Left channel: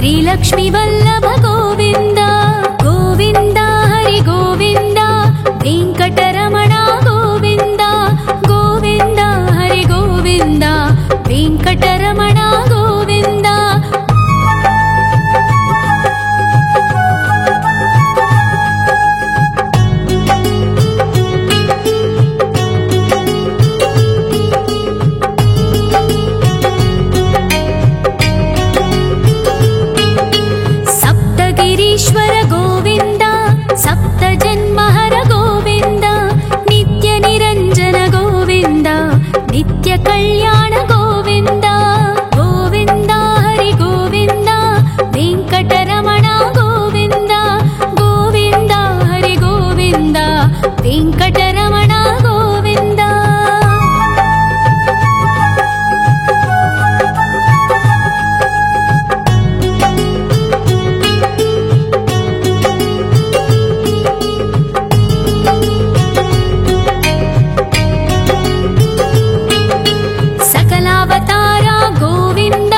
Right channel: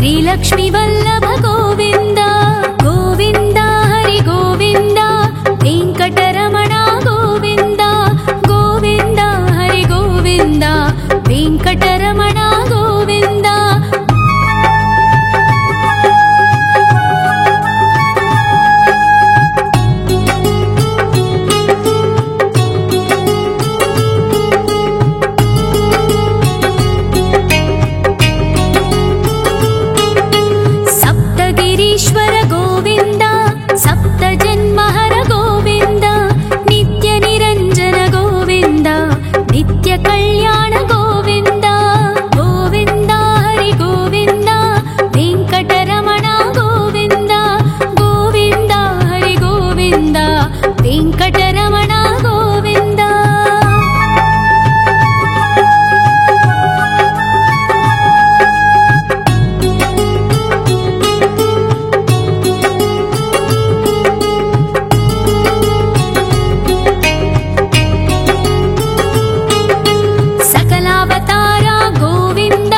श्रीलक्ष्मी वल्लभ गोविन्द गोविन्द हरि गोविन्द वेङ्कटरमण गोविन्द गोविन्द हरि गोविन्द वेङ्कटरमण गोविन्द सप्तगिरीश्वर गोविन्द सप्तजन्महर गोविन्द नित्यनिरञ्जन गोविन्द नित्यकल्याण गोविन्द गोविन्द हरि गोविन्द वेङ्कटरमण गोविन्द गोविन्द हरि गोविन्द वेङ्कटरमण गोविन्द सकलावतारा गोविन्द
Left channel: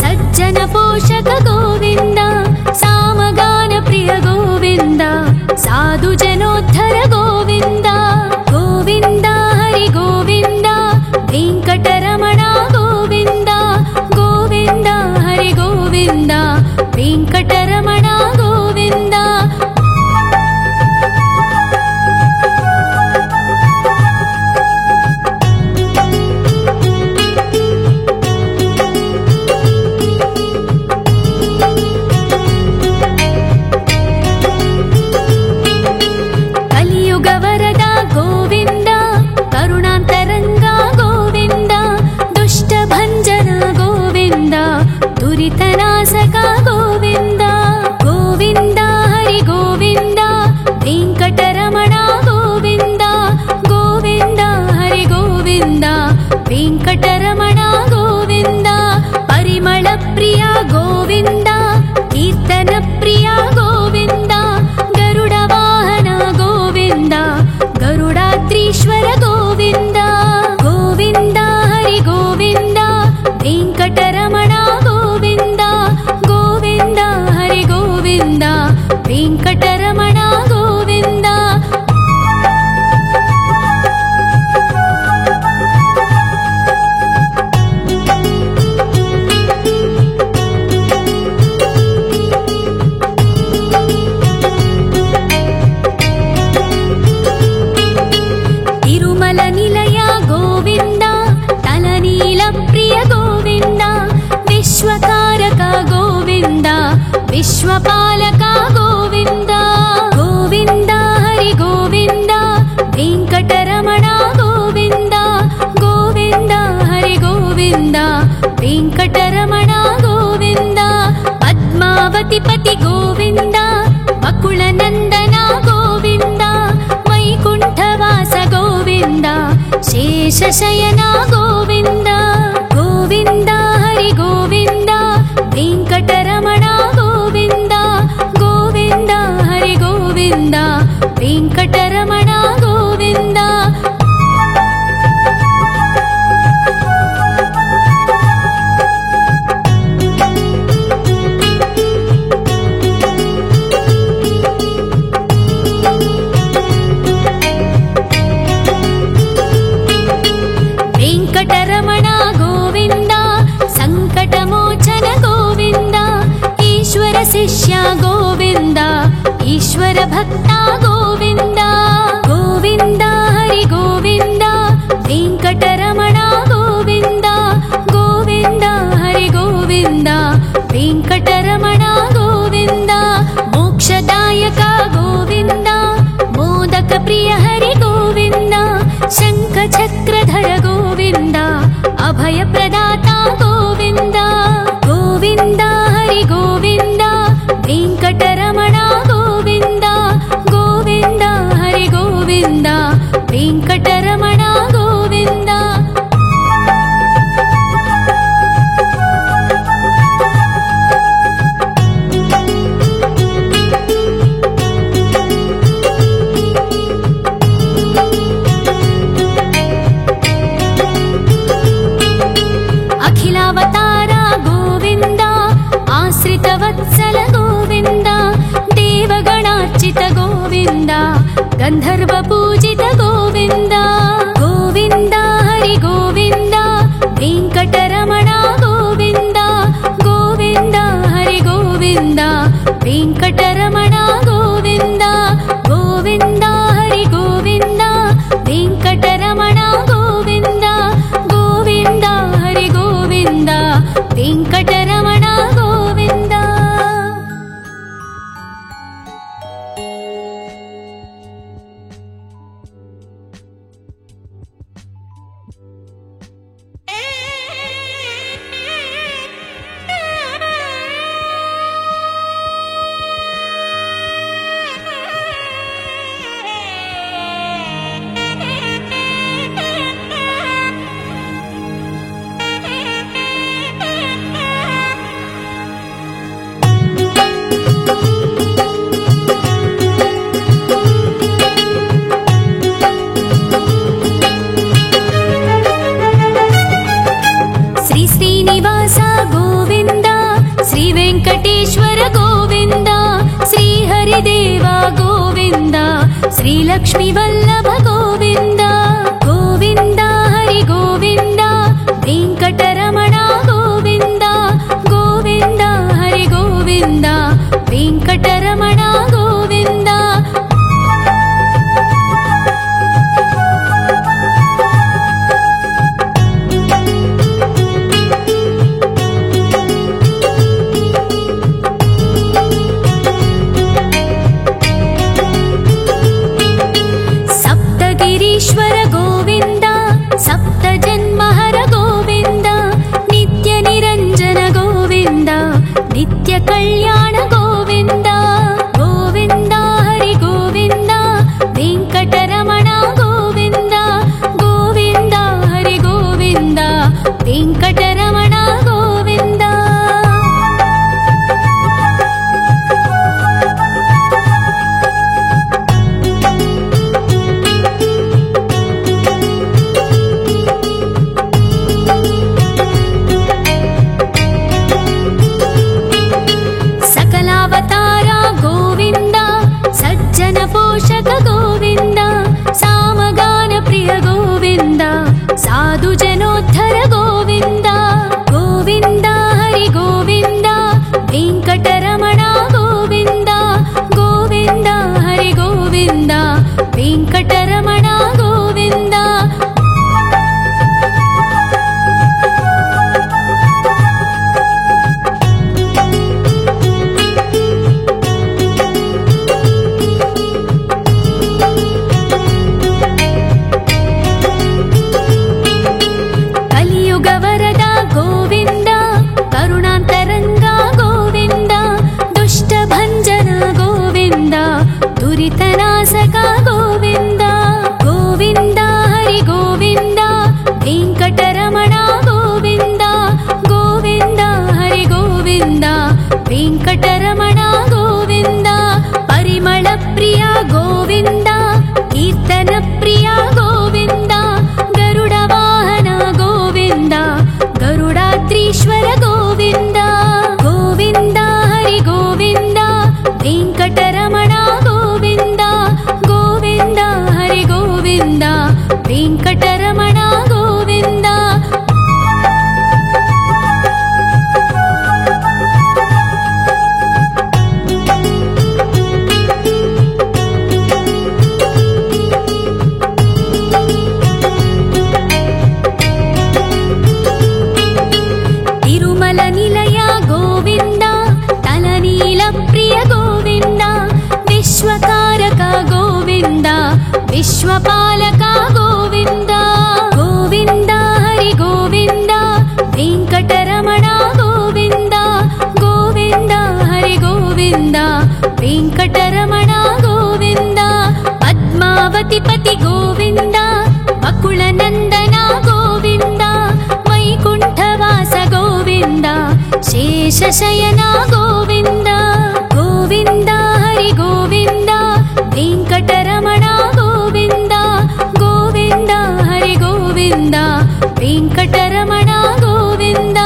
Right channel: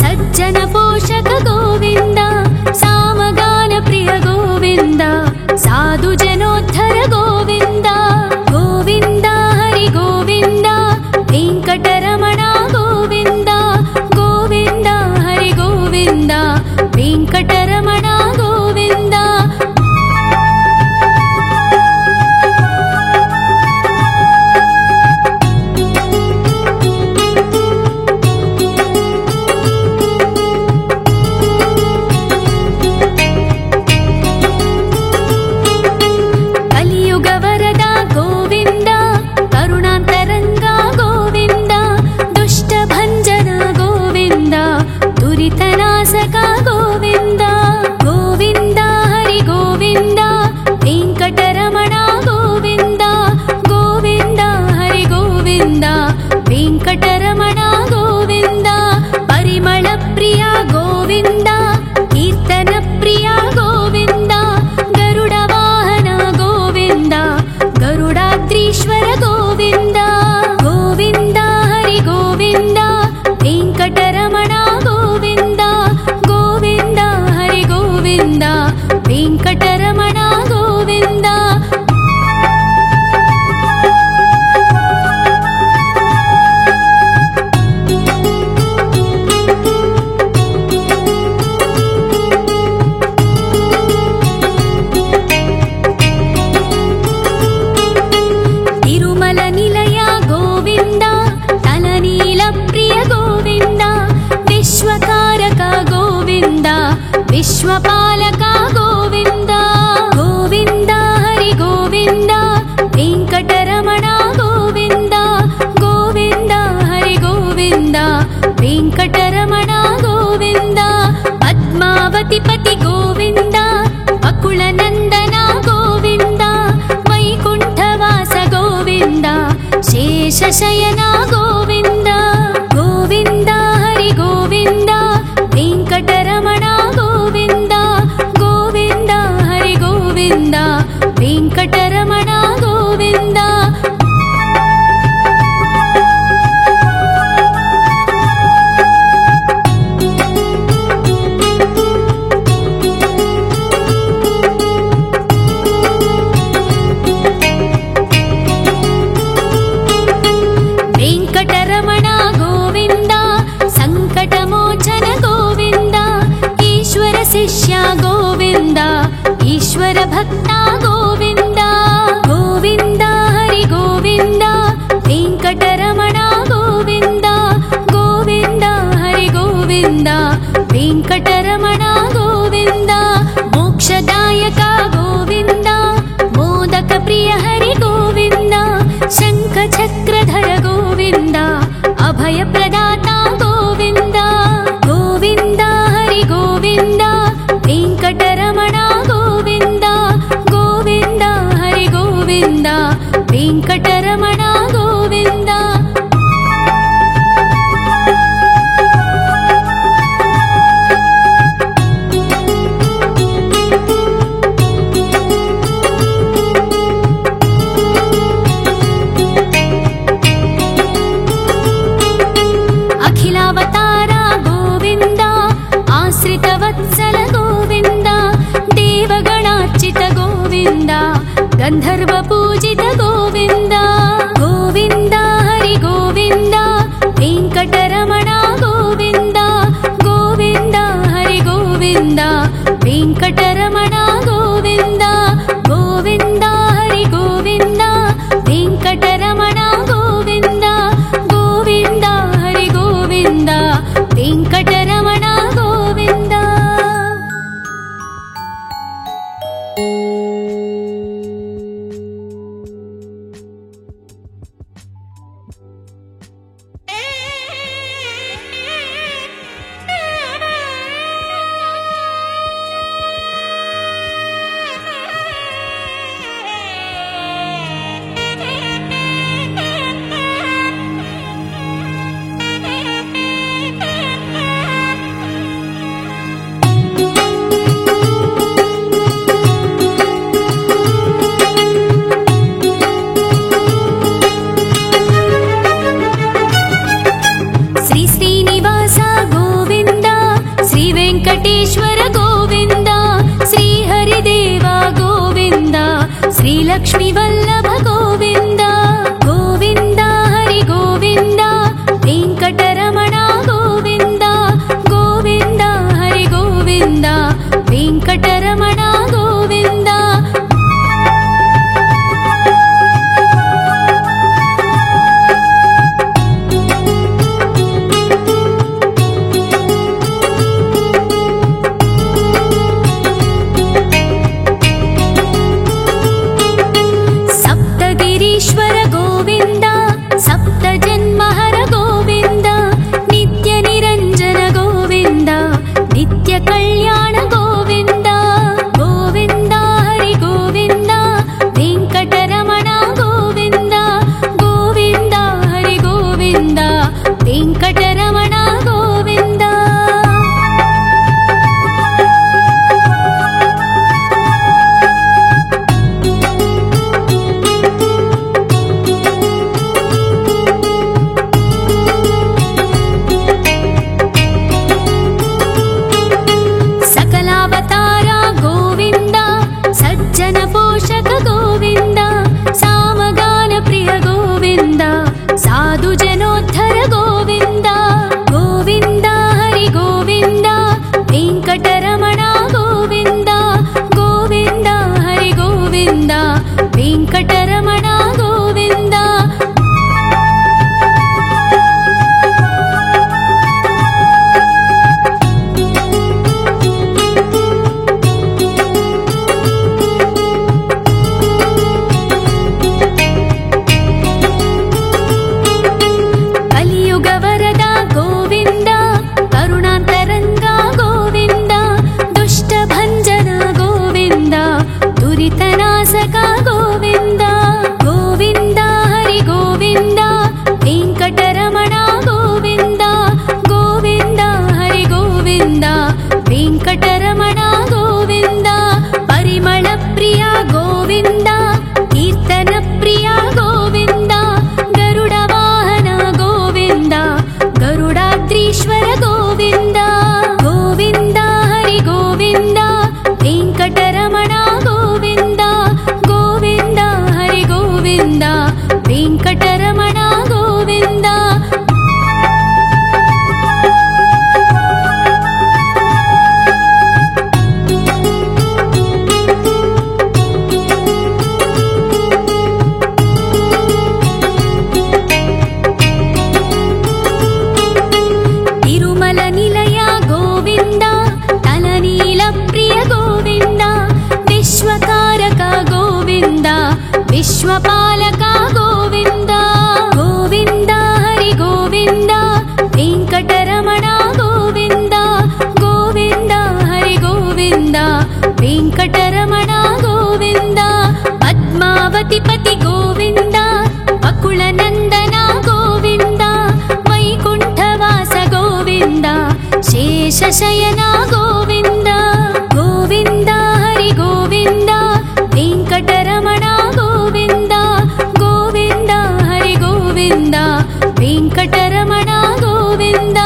सज्जन पोषक गोविन्द सामगान प्रिय गोविन्द साधु जनोद्धर गोविन्द गोविन्द हरि गोविन्द वेङ्कटरमण गोविन्द गोविन्द हरि गोविन्द वेङ्कटरमण गोविन्द कलियुगवरदा गोविन्द करुणान्तरङ्गा गोविन्द दुष्टभञ्जना गोविन्द दुरितनाशका गोविन्द गोविन्द हरि गोविन्द वेङ्कटरमण गोविन्द गोविन्द हरि गोविन्द वेङ्कटरमण गोविन्द परिमळ प्रिया गोविन्द कीर्तन प्रिया गोविन्द गरुड वाहन गोविन्द गरुडाद्रीश्वर गोविन्द गोविन्द हरि गोविन्द वेङ्कटरमण गोविन्द गोविन्द हरि गोविन्द वेङ्कटरमण गोविन्द तिरुमल निलय गोविन्द तलनील प्रिय गोविन्द विश्वकारक गोविन्द विश्वपालक गोविन्द गोविन्द हरि गोविन्द वेङ्कटरमण गोविन्द गोविन्द हरि गोविन्द वेङ्कटरमण गोविन्द पद्मावति पति गोविन्द वकुलनन्दन गोविन्द वैकुण्ठवास गोविन्द शेषशयन गोविन्द गोविन्द हरि गोविन्द वेङ्कटरमण गोविन्द गोविन्द हरि गोविन्द वेङ्कटरमण गोविन्द वेङ्कटरमण गोविन्द सङ्कटमोचन गोविन्द ईश्वर शिष्य गोविन्द ईश्वर भक्त गोविन्द गोविन्द हरि गोविन्द वेङ्कटरमण गोविन्द गोविन्द हरि गोविन्द वेङ्कटरमण गोविन्द मोक्षदायक गोविन्द मोदक प्रिय हरि गोविन्द शङ्ख चक्रधर गोविन्द अभय प्रदाता गोविन्द गोविन्द हरि गोविन्द वेङ्कटरमण गोविन्द गोविन्द हरि गोविन्द वेङ्कटरमण गोविन्द आश्रितवत्सल गोविन्द देवगणार्चित गोविन्द गन्धर्वपूजित गोविन्द गोविन्द हरि गोविन्द वेङ्कटरमण गोविन्द गोविन्द हरि गोविन्द वेङ्कटरमण गोविन्द गोविन्द हरि गोविन्द वेङ्कटरमण गोविन्द गोविन्द हरि गोविन्द वेङ्कटरमण गोविन्द। श्री श्रीनिवास गोविन्द श्री वेङ्कटेश्वर गोविन्द श्री हरिदेव गोविन्द श्री लक्ष्मीवल्लभ गोविन्द गोविन्द हरि गोविन्द वेङ्कटरमण गोविन्द गोविन्द हरि गोविन्द वेङ्कटरमण गोविन्द। सप्तगिरीश्वर गोविन्द सप्तजन्महर गोविन्द नित्यनिरञ्जन गोविन्द नित्यकल्याण गोविन्द गोविन्द हरि गोविन्द वेङ्कटरमण गोविन्द गोविन्द हरि गोविन्द वेङ्कटरमण गोविन्द। सकलावतार गोविन्द सज्जन पोषक गोविन्द सामगान प्रिय गोविन्द साधु जनोद्धर गोविन्द गोविन्द हरि गोविन्द वेङ्कटरमण गोविन्द गोविन्द हरि गोविन्द वेङ्कटरमण गोविन्द। कलियुगवरद गोविन्द करुणान्तरङ्ग गोविन्द दुष्टभञ्जन गोविन्द दुरितनाशक गोविन्द गोविन्द हरि गोविन्द वेङ्कटरमण गोविन्द गोविन्द हरि गोविन्द वेङ्कटरमण गोविन्द। परिमल प्रिय गोविन्द कीर्तन प्रिय गोविन्द गरुड वाहन गोविन्द गरुडाद्रीश्वर गोविन्द गोविन्द हरि गोविन्द वेङ्कटरमण गोविन्द गोविन्द हरि गोविन्द वेङ्कटरमण गोविन्द। तिरुमल निलय गोविन्द तलनील प्रिय गोविन्द विश्वकारक गोविन्द विश्वपालक गोविन्द गोविन्द हरि गोविन्द वेङ्कटरमण गोविन्द गोविन्द हरि गोविन्द वेङ्कटरमण गोविन्द। पद्मावतिपति गोविन्द अकुलनन्दन गोविन्द वैकुण्ठवास गोविन्द शेषशयन गोविन्द गोविन्द हरि गोविन्द वेङ्कटरमण गोविन्द गोविन्द हरि गोविन्द वेङ्कटरमण गोविन्द।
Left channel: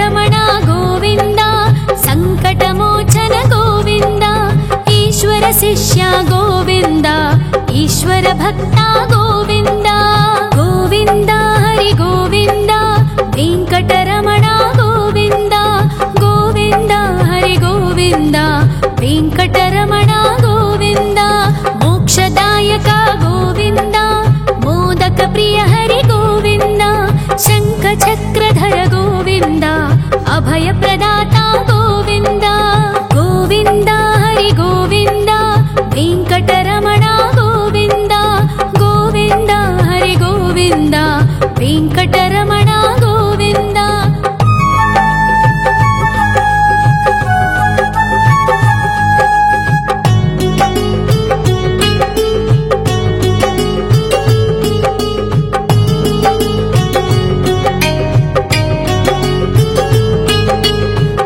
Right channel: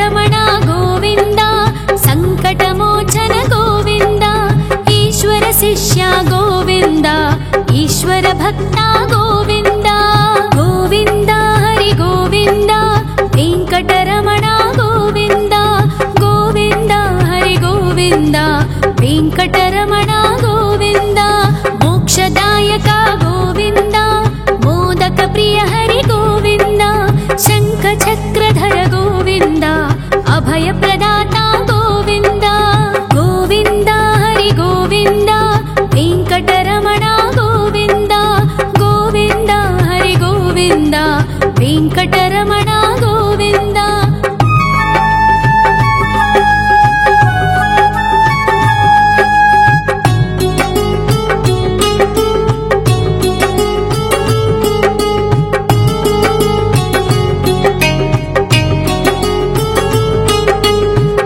వెంకటరమణ గోవింద సంకటమోచన గోవింద ఈశ్వర శిష్య గోవింద ఈశ్వర భక్త గోవింద గోవింద హరి గోవింద వెంకటరమణ గోవింద గోవింద హరి గోవింద వెంకటరమణ గోవింద మోక్షదాయక గోవింద మోదక ప్రియ హరి గోవింద శంఖ చక్రధర గోవింద అభయ ప్రదాత గోవింద గోవింద హరి గోవింద వెంకటరమణ గోవింద గోవింద హరి గోవింద వెంకటరమణ గోవింద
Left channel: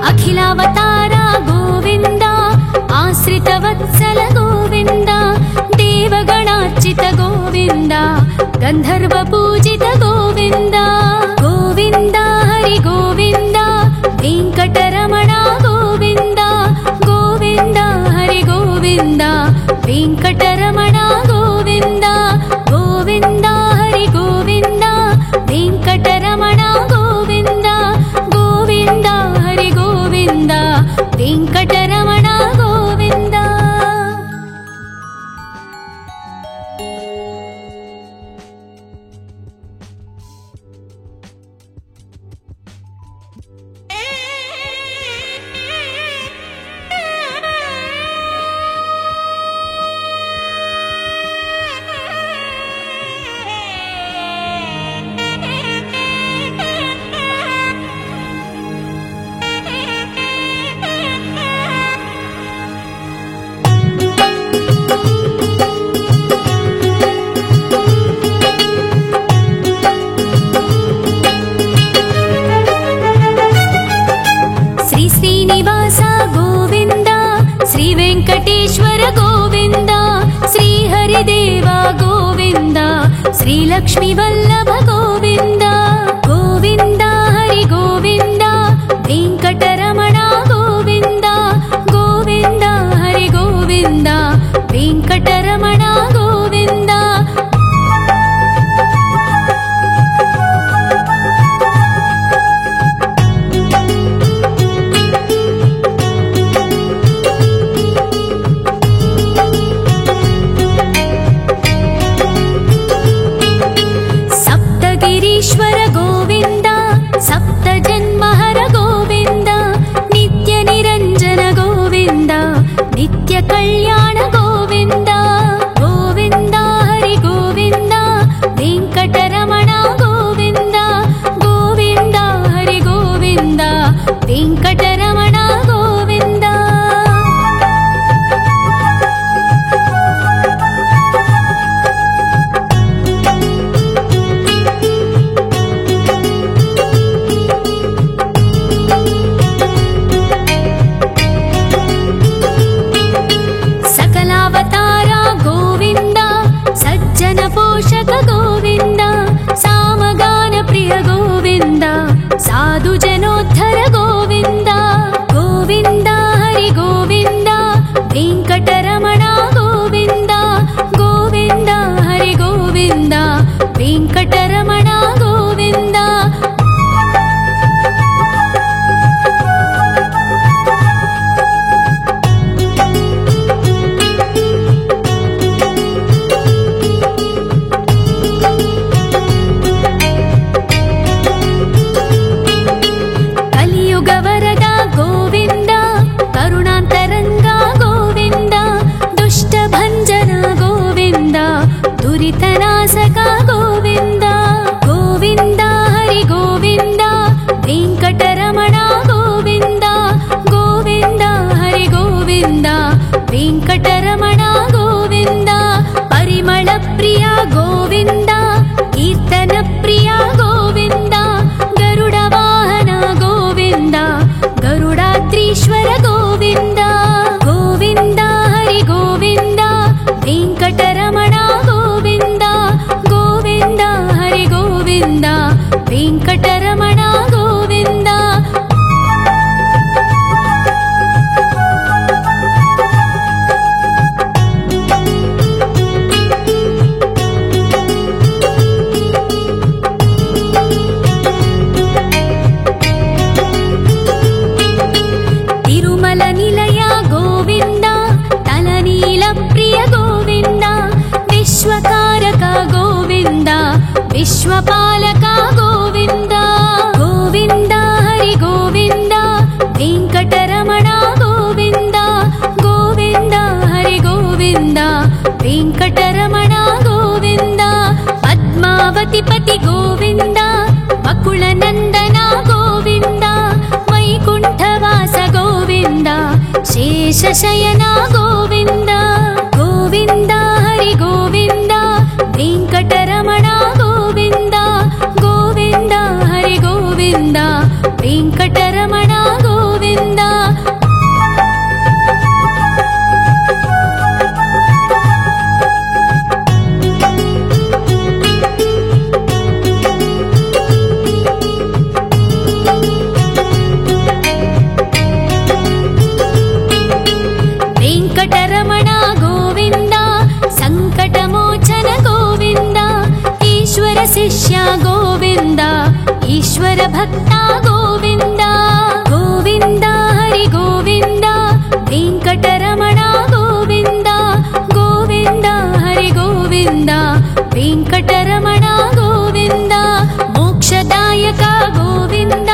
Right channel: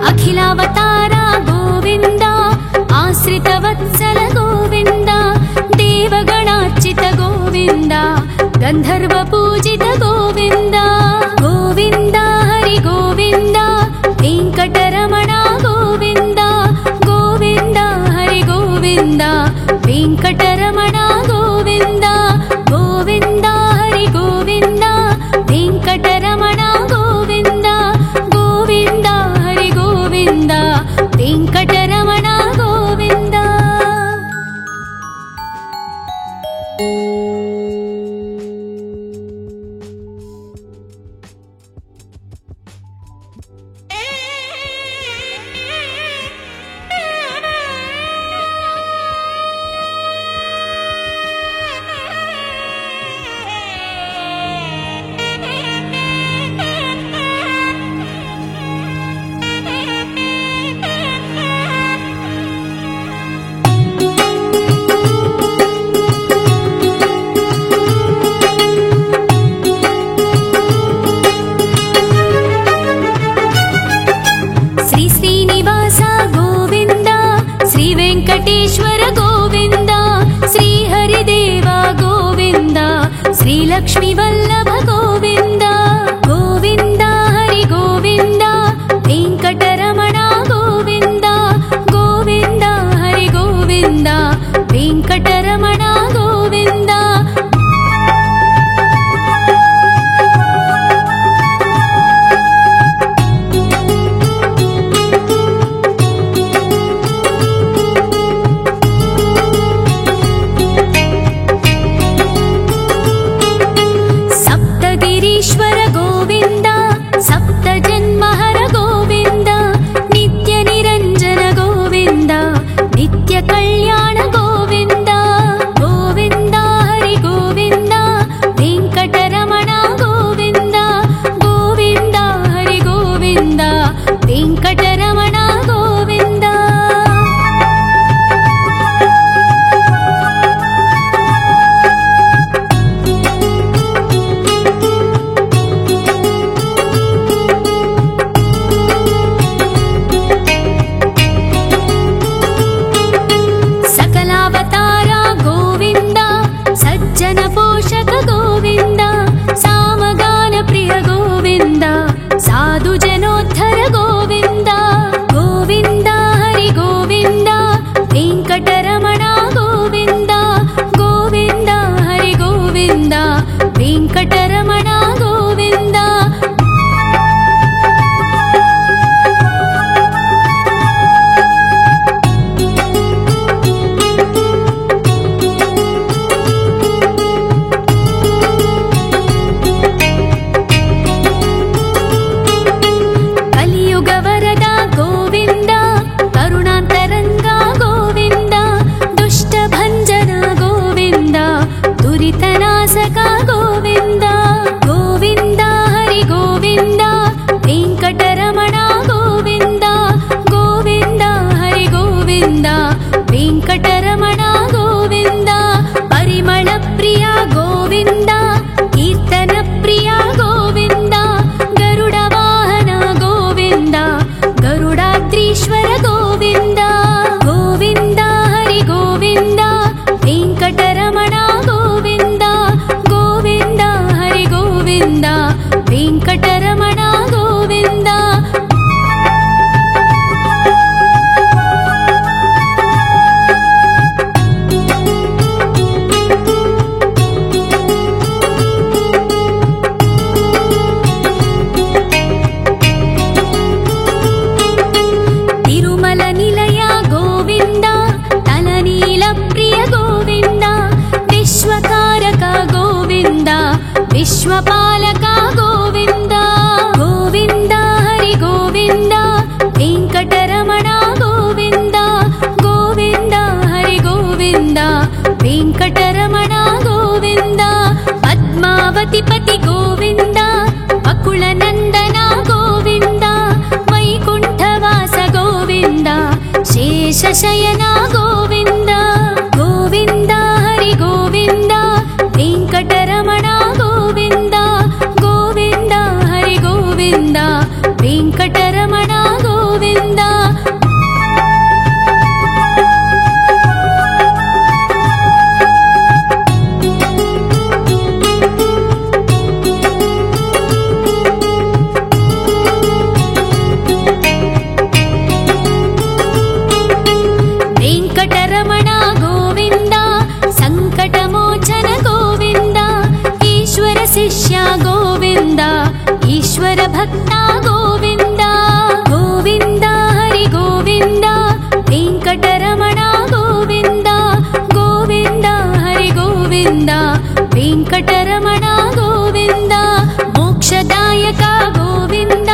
అఖిలావతార గోవింద ఆశ్రితవత్సల గోవింద దేవగణార్చిత గోవింద గంధర్వ పూజిత గోవింద గోవింద హరి గోవింద వెంకటరమణ గోవింద గోవింద హరి గోవింద వెంకటరమణ గోవింద గోవింద హరి గోవింద వెంకటరమణ గోవింద గోవింద హరి గోవింద వెంకటరమణ గోవింద శ్రీ శ్రీనివాస గోవింద శ్రీ వెంకటేశ్వర గోవింద శ్రీ హరిదేవ గోవింద శ్రీ లక్ష్మీ వల్లభ గోవింద గోవింద హరి గోవింద వెంకటరమణ గోవింద గోవింద హరి గోవింద వెంకటరమణ గోవింద సప్తగిరీశ్వర గోవింద సప్త జన్మహర గోవింద నిత్య నిరంజన గోవింద నిత్య కళ్యాణ గోవింద గోవింద హరి గోవింద వెంకటరమణ గోవింద గోవింద హరి గోవింద వెంకటరమణ గోవింద సకలావతార గోవింద సజ్జన పోషక గోవింద సామగాన ప్రియ గోవింద సాధు జనోద్ధర గోవింద గోవింద హరి గోవింద వెంకటరమణ గోవింద గోవింద హరి గోవింద వెంకటరమణ గోవింద కలియుగ వరద గోవింద కరుణాంతరంగ గోవింద దుష్ట భంజన గోవింద దురితనాశక గోవింద గోవింద హరి గోవింద వెంకటరమణ గోవింద గోవింద హరి గోవింద వెంకటరమణ గోవింద పరిమళ ప్రియ గోవింద కీర్తన ప్రియ గోవింద గరుడ వాహన గోవింద గరుడాద్రీశ్వర గోవింద గోవింద హరి గోవింద వెంకటరమణ గోవింద గోవింద హరి గోవింద వెంకటరమణ గోవింద ನಿಲಯ ಗೋವಿಂದ ತಲನೀಲ ಪ್ರಿಯ ಗೋವಿಂದ ವಿಶ್ವಕಾರಕ ಗೋವಿಂದ ವಿಶ್ವಪಾಲಕ ಗೋವಿಂದ ಗೋವಿಂದ ಹರಿ ಗೋವಿಂದ ವೆಂಕಟರಮಣ ಗೋವಿಂದ ಗೋವಿಂದ ಹರಿ ಗೋವಿಂದ ವೆಂಕಟರಮಣ ಗೋವಿಂದ ಪದ್ಮಾವತಿ ಪತಿ ಗೋವಿಂದ ಅಕುಳ ನಂದನ ಗೋವಿಂದ ವೈಕುಂಠವಾಸ ಗೋವಿಂದ ಶೇಷಶಯನ ಗೋವಿಂದ ಗೋವಿಂದ ಹರಿ ಗೋವಿಂದ ವೆಂಕಟರಮಣ ಗೋವಿಂದ ಗೋವಿಂದ ಹರಿ ಗೋವಿಂದ ವೆಂಕಟರಮಣ ಗೋವಿಂದ ವೆಂಕಟರಮಣ ಗೋವಿಂದ ಸಂಕಟಮೋಚನ ಗೋವಿಂದ ಈಶ್ವರ ಶಿಷ್ಯ ಗೋವಿಂದ ಈಶ್ವರ ಭಕ್ತ ಗೋವಿಂದ ಗೋವಿಂದ ಹರಿ ಗೋವಿಂದ ವೆಂಕಟರಮಣ ಗೋವಿಂದ ಗೋವಿಂದ ಹರಿ ಗೋವಿಂದ ವೆಂಕಟರಮಣ ಗೋವಿಂದ ಮೋಕ್ಷದಾಯಕ ಗೋವಿಂದ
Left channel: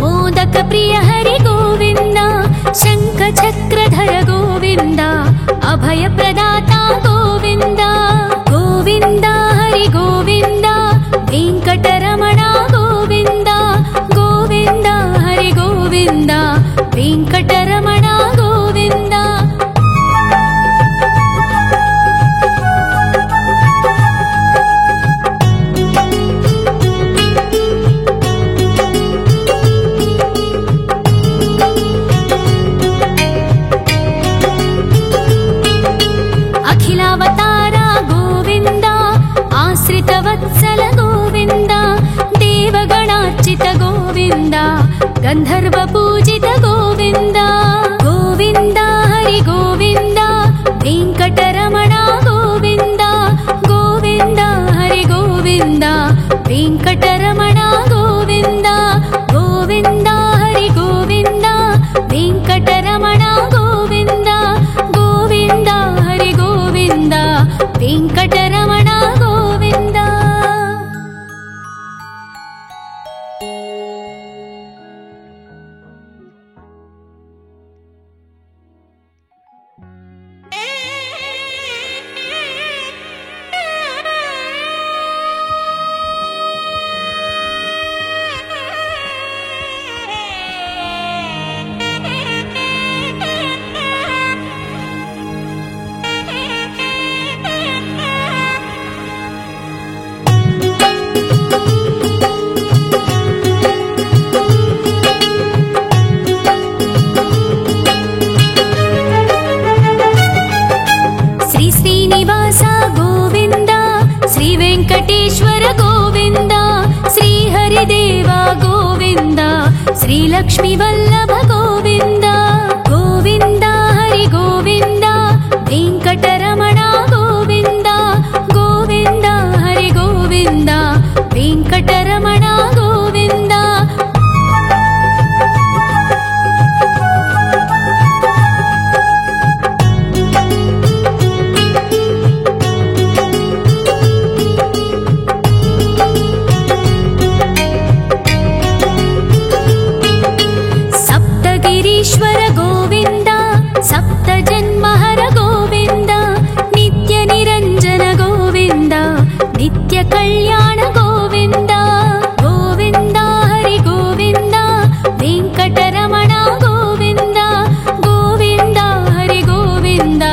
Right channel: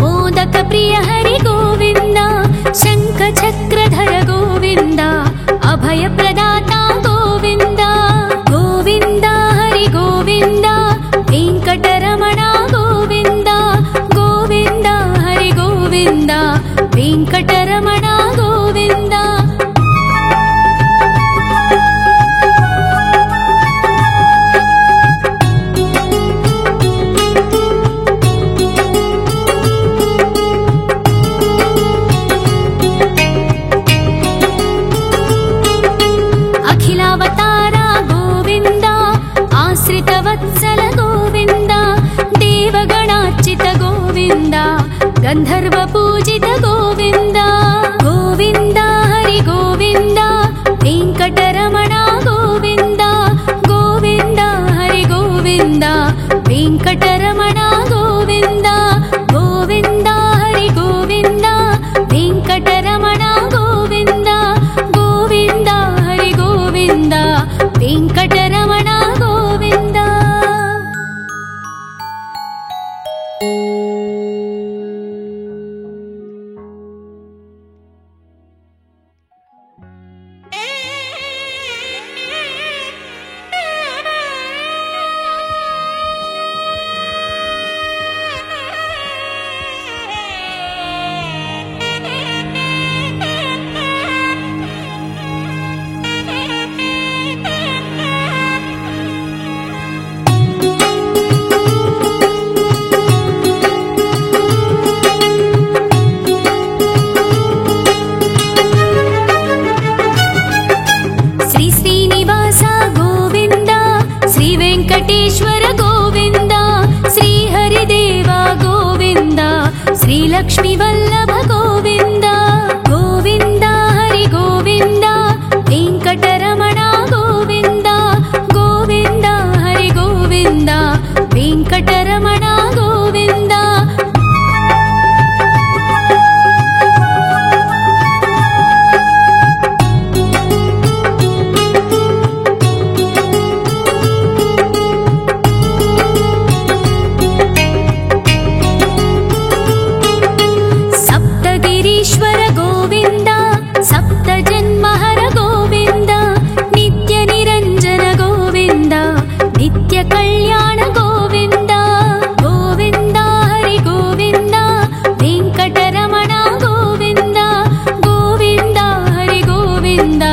ಮೋದಕ ಪ್ರಿಯ ಹರಿ ಗೋವಿಂದ ಶಂಖ ಚಕ್ರಧರ ಗೋವಿಂದ ಅಭಯ ಪ್ರದಾತ ಗೋವಿಂದ ಗೋವಿಂದ ಹರಿ ಗೋವಿಂದ ವೆಂಕಟರಮಣ ಗೋವಿಂದ ಗೋವಿಂದ ಹರಿ ಗೋವಿಂದ ವೆಂಕಟರಮಣ ಗೋವಿಂದ ಅಖಿಲಾವತಾರ ಗೋವಿಂದ ಆಶ್ರಿತ ವತ್ಸಲ ಗೋವಿಂದ ದೇವಗಣಾರ್ಚಿತ ಗೋವಿಂದ ಗಂಧರ್ವ ಪೂಜಿತ ಗೋವಿಂದ ಗೋವಿಂದ ಹರಿ ಗೋವಿಂದ ವೆಂಕಟರಮಣ ಗೋವಿಂದ ಗೋವಿಂದ ಹರಿ ಗೋವಿಂದ ವೆಂಕಟರಮಣ ಗೋವಿಂದ ಗೋವಿಂದ ಹರಿ ಗೋವಿಂದ ವೆಂಕಟರಮಣ ಗೋವಿಂದ ಗೋವಿಂದ ಹರಿ ಗೋವಿಂದ ವೆಂಕಟರಮಣ ಗೋವಿಂದ ಶ್ರೀ ಶ್ರೀನಿವಾಸ ಗೋವಿಂದ ಶ್ರೀ ವೆಂಕಟೇಶ್ವರ ಗೋವಿಂದ ಶ್ರೀ ಹರಿದೇವ ಗೋವಿಂದ ಶ್ರೀ ಲಕ್ಷ್ಮೀ ವಲ್ಲಭ ಗೋವಿಂದ ಗೋವಿಂದ ಹರಿ ಗೋವಿಂದ ವೆಂಕಟರಮಣ ಗೋವಿಂದ ಗೋವಿಂದ ಹರಿ ಗೋವಿಂದ ವೆಂಕಟರಮಣ ಗೋವಿಂದ ಸಪ್ತಗಿರೀಶ್ವರ ಗೋವಿಂದ ಸಪ್ತ ಜನ್ಮಹರ ಗೋವಿಂದ ನಿತ್ಯ ನಿರಂಜನ ಗೋವಿಂದ ನಿತ್ಯ ಕಲ್ಯಾಣ ಗೋವಿಂದ ಗೋವಿಂದ ಹರಿ ಗೋವಿಂದ ವೆಂಕಟರಮಣ ಗೋವಿಂದ ಗೋವಿಂದ ಹರಿ ಗೋವಿಂದ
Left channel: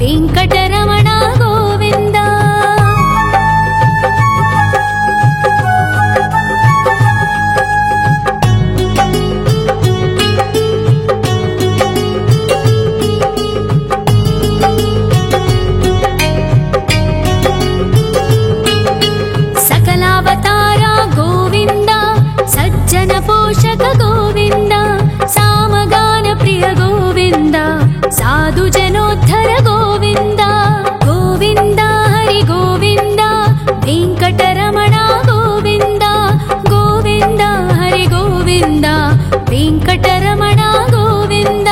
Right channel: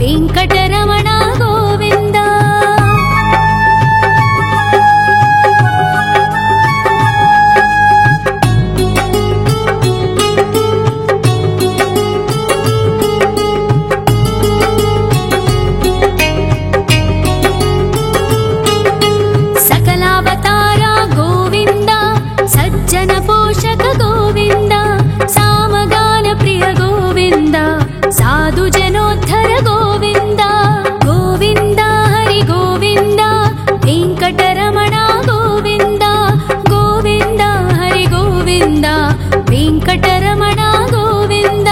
ವೆಂಕಟರಮಣ ಗೋವಿಂದ ಸಕಲಾವತಾರ ಗೋವಿಂದ ಸಜ್ಜನ ಪೋಷಕ ಗೋವಿಂದ ಸಾಮಗಾನ ಪ್ರಿಯ ಗೋವಿಂದ ಸಾಧು ಜನೋದ್ಧರ ಗೋವಿಂದ ಗೋವಿಂದ ಹರಿ ಗೋವಿಂದ ವೆಂಕಟರಮಣ ಗೋವಿಂದ ಗೋವಿಂದ ಹರಿ ಗೋವಿಂದ ವೆಂಕಟರಮಣ ಗೋವಿಂದ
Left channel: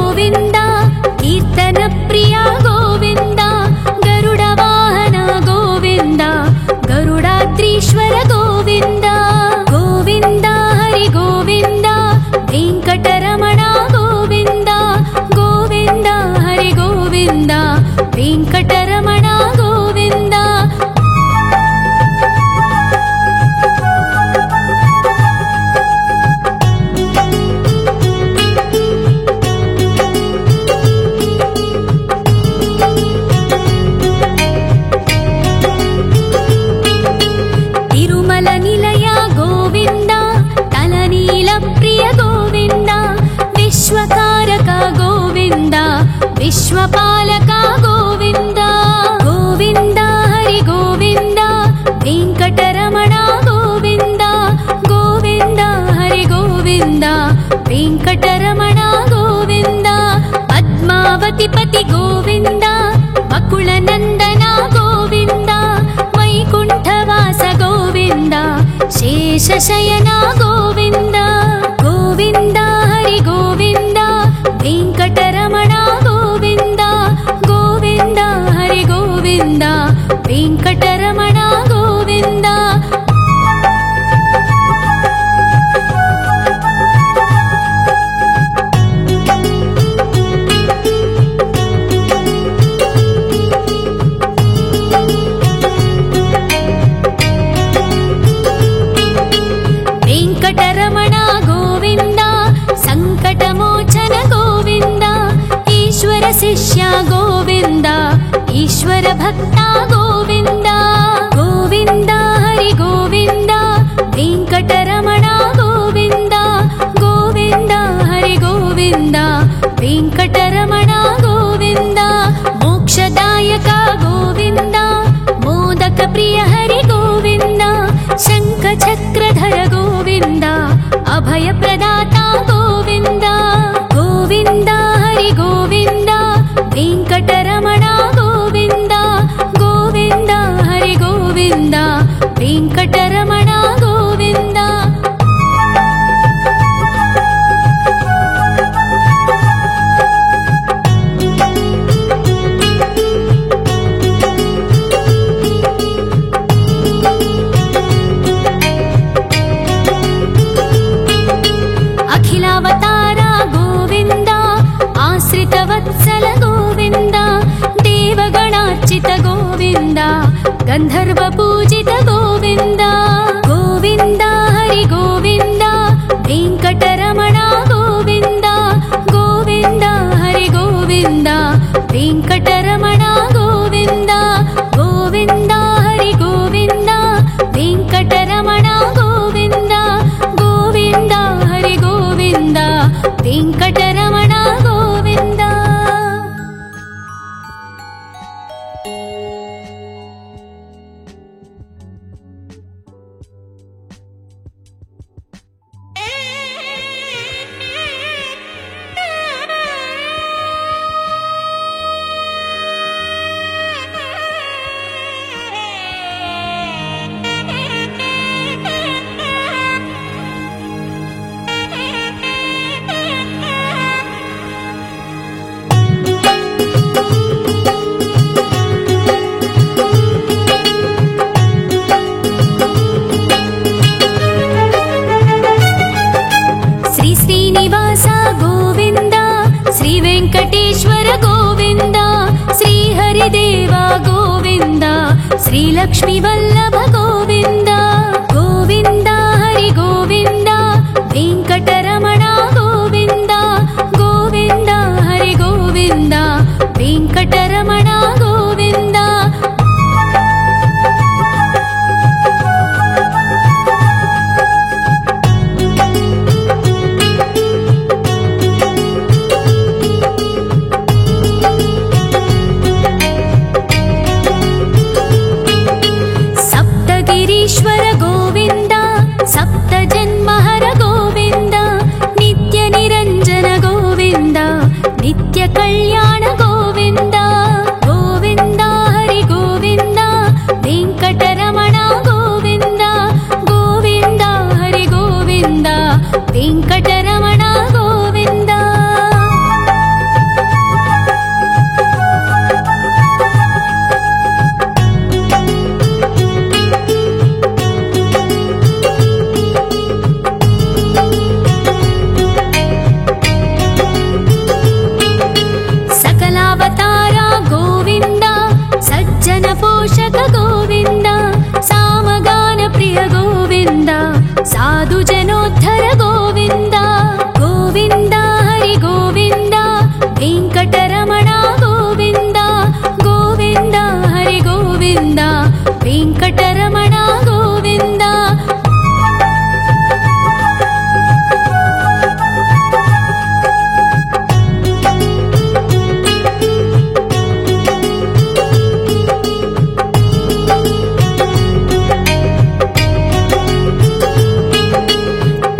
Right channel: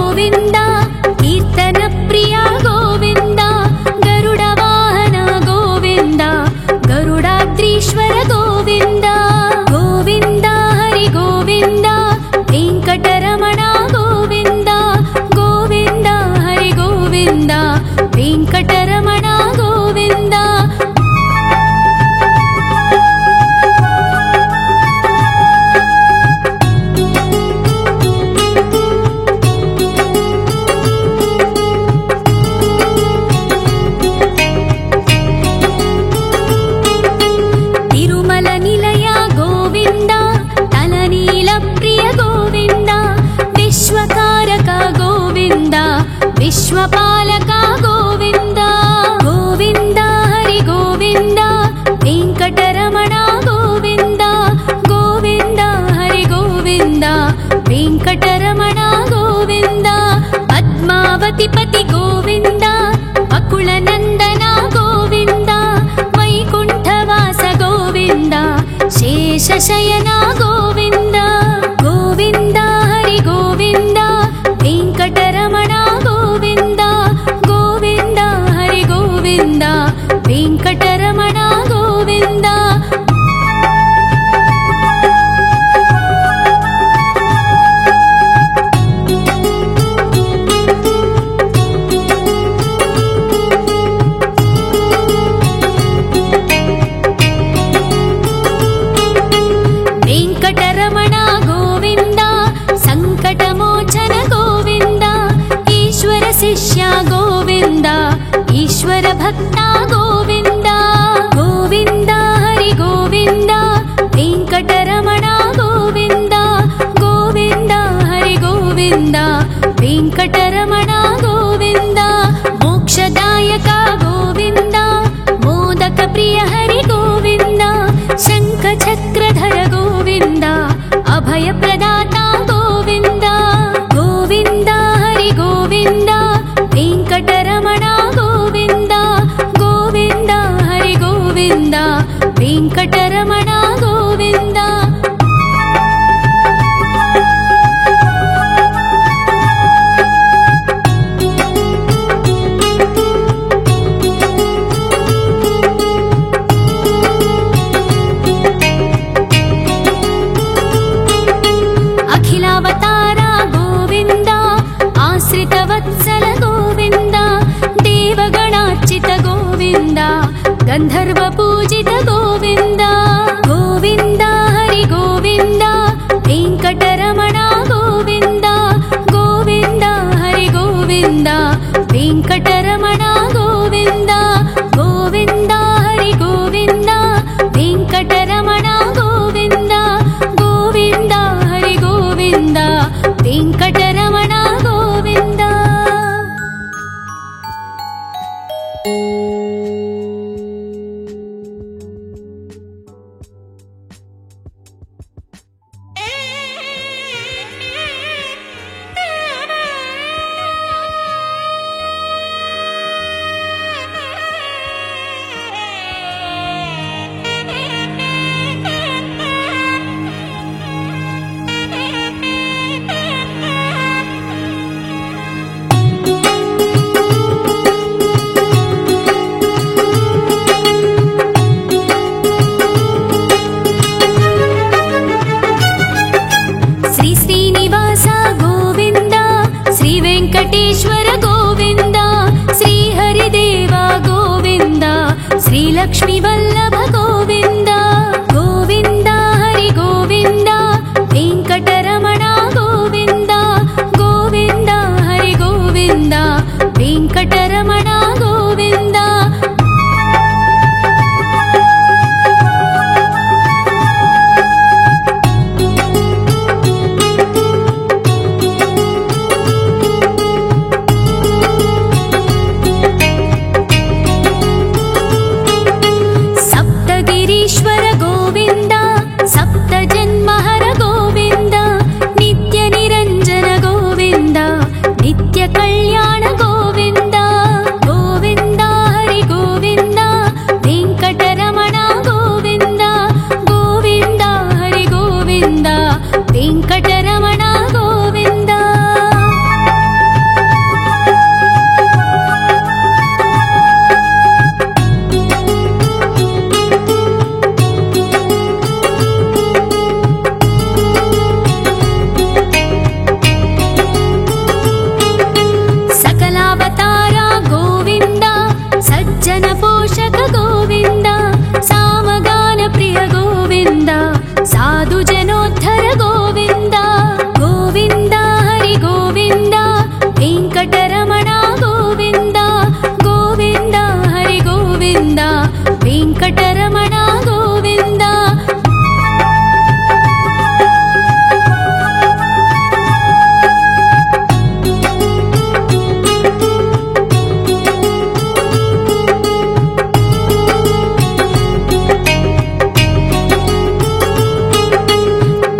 ಗೋವಿಂದ ಕೀರ್ತನ ಪ್ರಿಯ ಗೋವಿಂದ ಗರುಡ ವಾಹನ ಗೋವಿಂದ ಗರುಡಾದ್ರೀಶ್ವರ ಗೋವಿಂದ ಗೋವಿಂದ ಹರಿ ಗೋವಿಂದ ವೆಂಕಟರಮಣ ಗೋವಿಂದ ಗೋವಿಂದ ಹರಿ ಗೋವಿಂದ ವೆಂಕಟರಮಣ ಗೋವಿಂದ ತಿರುಮಲ ನಿಲಯ ಗೋವಿಂದ ತಲನೀಲ ಪ್ರಿಯ ಗೋವಿಂದ ವಿಶ್ವಕಾರಕ ಗೋವಿಂದ ವಿಶ್ವಪಾಲಕ ಗೋವಿಂದ ಗೋವಿಂದ ಹರಿ ಗೋವಿಂದ ವೆಂಕಟರಮಣ ಗೋವಿಂದ ಗೋವಿಂದ ಹರಿ ಗೋವಿಂದ ವೆಂಕಟರಮಣ ಗೋವಿಂದ ಪದ್ಮಾವತಿ ಪತಿ ಗೋವಿಂದ ವಕುಳ ನಂದನ ಗೋವಿಂದ ವೈಕುಂಠವಾಸ ಗೋವಿಂದ ಶೇಷಶಯನ ಗೋವಿಂದ ಗೋವಿಂದ ಹರಿ ಗೋವಿಂದ ವೆಂಕಟರಮಣ ಗೋವಿಂದ ಗೋವಿಂದ ಹರಿ ಗೋವಿಂದ ವೆಂಕಟರಮಣ ಗೋವಿಂದ ವೆಂಕಟರಮಣ ಗೋವಿಂದ ಸಂಕಟಮೋಚನ ಗೋವಿಂದ ಈಶ್ವರ ಶಿಷ್ಯ ಗೋವಿಂದ ಈಶ್ವರ ಭಕ್ತ ಗೋವಿಂದ ಗೋವಿಂದ ಹರಿ ಗೋವಿಂದ ವೆಂಕಟರಮಣ ಗೋವಿಂದ ಗೋವಿಂದ ಹರಿ ಗೋವಿಂದ ವೆಂಕಟರಮಣ ಗೋವಿಂದ ಮೋಕ್ಷದಾಯಕ ಗೋವಿಂದ ಮೋದಕ ಪ್ರಿಯ ಹರಿ ಗೋವಿಂದ ಶಂಖ ಚಕ್ರಧರ ಗೋವಿಂದ ಅಭಯ ಪ್ರದಾತ ಗೋವಿಂದ ಗೋವಿಂದ ಹರಿ ಗೋವಿಂದ ವೆಂಕಟರಮಣ ಗೋವಿಂದ ಗೋವಿಂದ ಹರಿ ಗೋವಿಂದ ವೆಂಕಟರಮಣ ಗೋವಿಂದ ಅಖಿಲಾವತಾರ ಗೋವಿಂದ ಆಶ್ರಿತ ವತ್ಸಲ ಗೋವಿಂದ ದೇವಗಣಾರ್ಚಿತ ಗೋವಿಂದ ಗಂಧರ್ವ ಪೂಜಿತ ಗೋವಿಂದ ಗೋವಿಂದ ಹರಿ ಗೋವಿಂದ ವೆಂಕಟರಮಣ ಗೋವಿಂದ ಗೋವಿಂದ ಹರಿ ಗೋವಿಂದ ವೆಂಕಟರಮಣ ಗೋವಿಂದ ಗೋವಿಂದ ಹರಿ ಗೋವಿಂದ ವೆಂಕಟರಮಣ ಗೋವಿಂದ ಗೋವಿಂದ ಹರಿ ಗೋವಿಂದ ವೆಂಕಟರಮಣ ಗೋವಿಂದ ಶ್ರೀ ಶ್ರೀನಿವಾಸ ಗೋವಿಂದ ಶ್ರೀ ವೆಂಕಟೇಶ್ವರ ಗೋವಿಂದ ಶ್ರೀ ಹರಿದೇವ ಗೋವಿಂದ ಶ್ರೀ ಲಕ್ಷ್ಮೀ ವಲ್ಲಭ ಗೋವಿಂದ ಗೋವಿಂದ ಹರಿ ಗೋವಿಂದ ವೆಂಕಟರಮಣ ಗೋವಿಂದ ಗೋವಿಂದ ಹರಿ ಗೋವಿಂದ ವೆಂಕಟರಮಣ ಗೋವಿಂದ ಸಪ್ತಗಿರೀಶ್ವರ ಗೋವಿಂದ ಸಪ್ತ ಜನ್ಮಹರ ಗೋವಿಂದ ನಿತ್ಯ ನಿರಂಜನ ಗೋವಿಂದ ನಿತ್ಯ ಕಲ್ಯಾಣ ಗೋವಿಂದ ಗೋವಿಂದ ಹರಿ ಗೋವಿಂದ ವೆಂಕಟರಮಣ ಗೋವಿಂದ ಗೋವಿಂದ ಹರಿ ಗೋವಿಂದ ವೆಂಕಟರಮಣ ಗೋವಿಂದ ವೆಂಕಟರಮಣ ಗೋವಿಂದ ಗೋವಿಂದ ಹರಿ ಗೋವಿಂದ ವೆಂಕಟರಮಣ ಗೋವಿಂದ.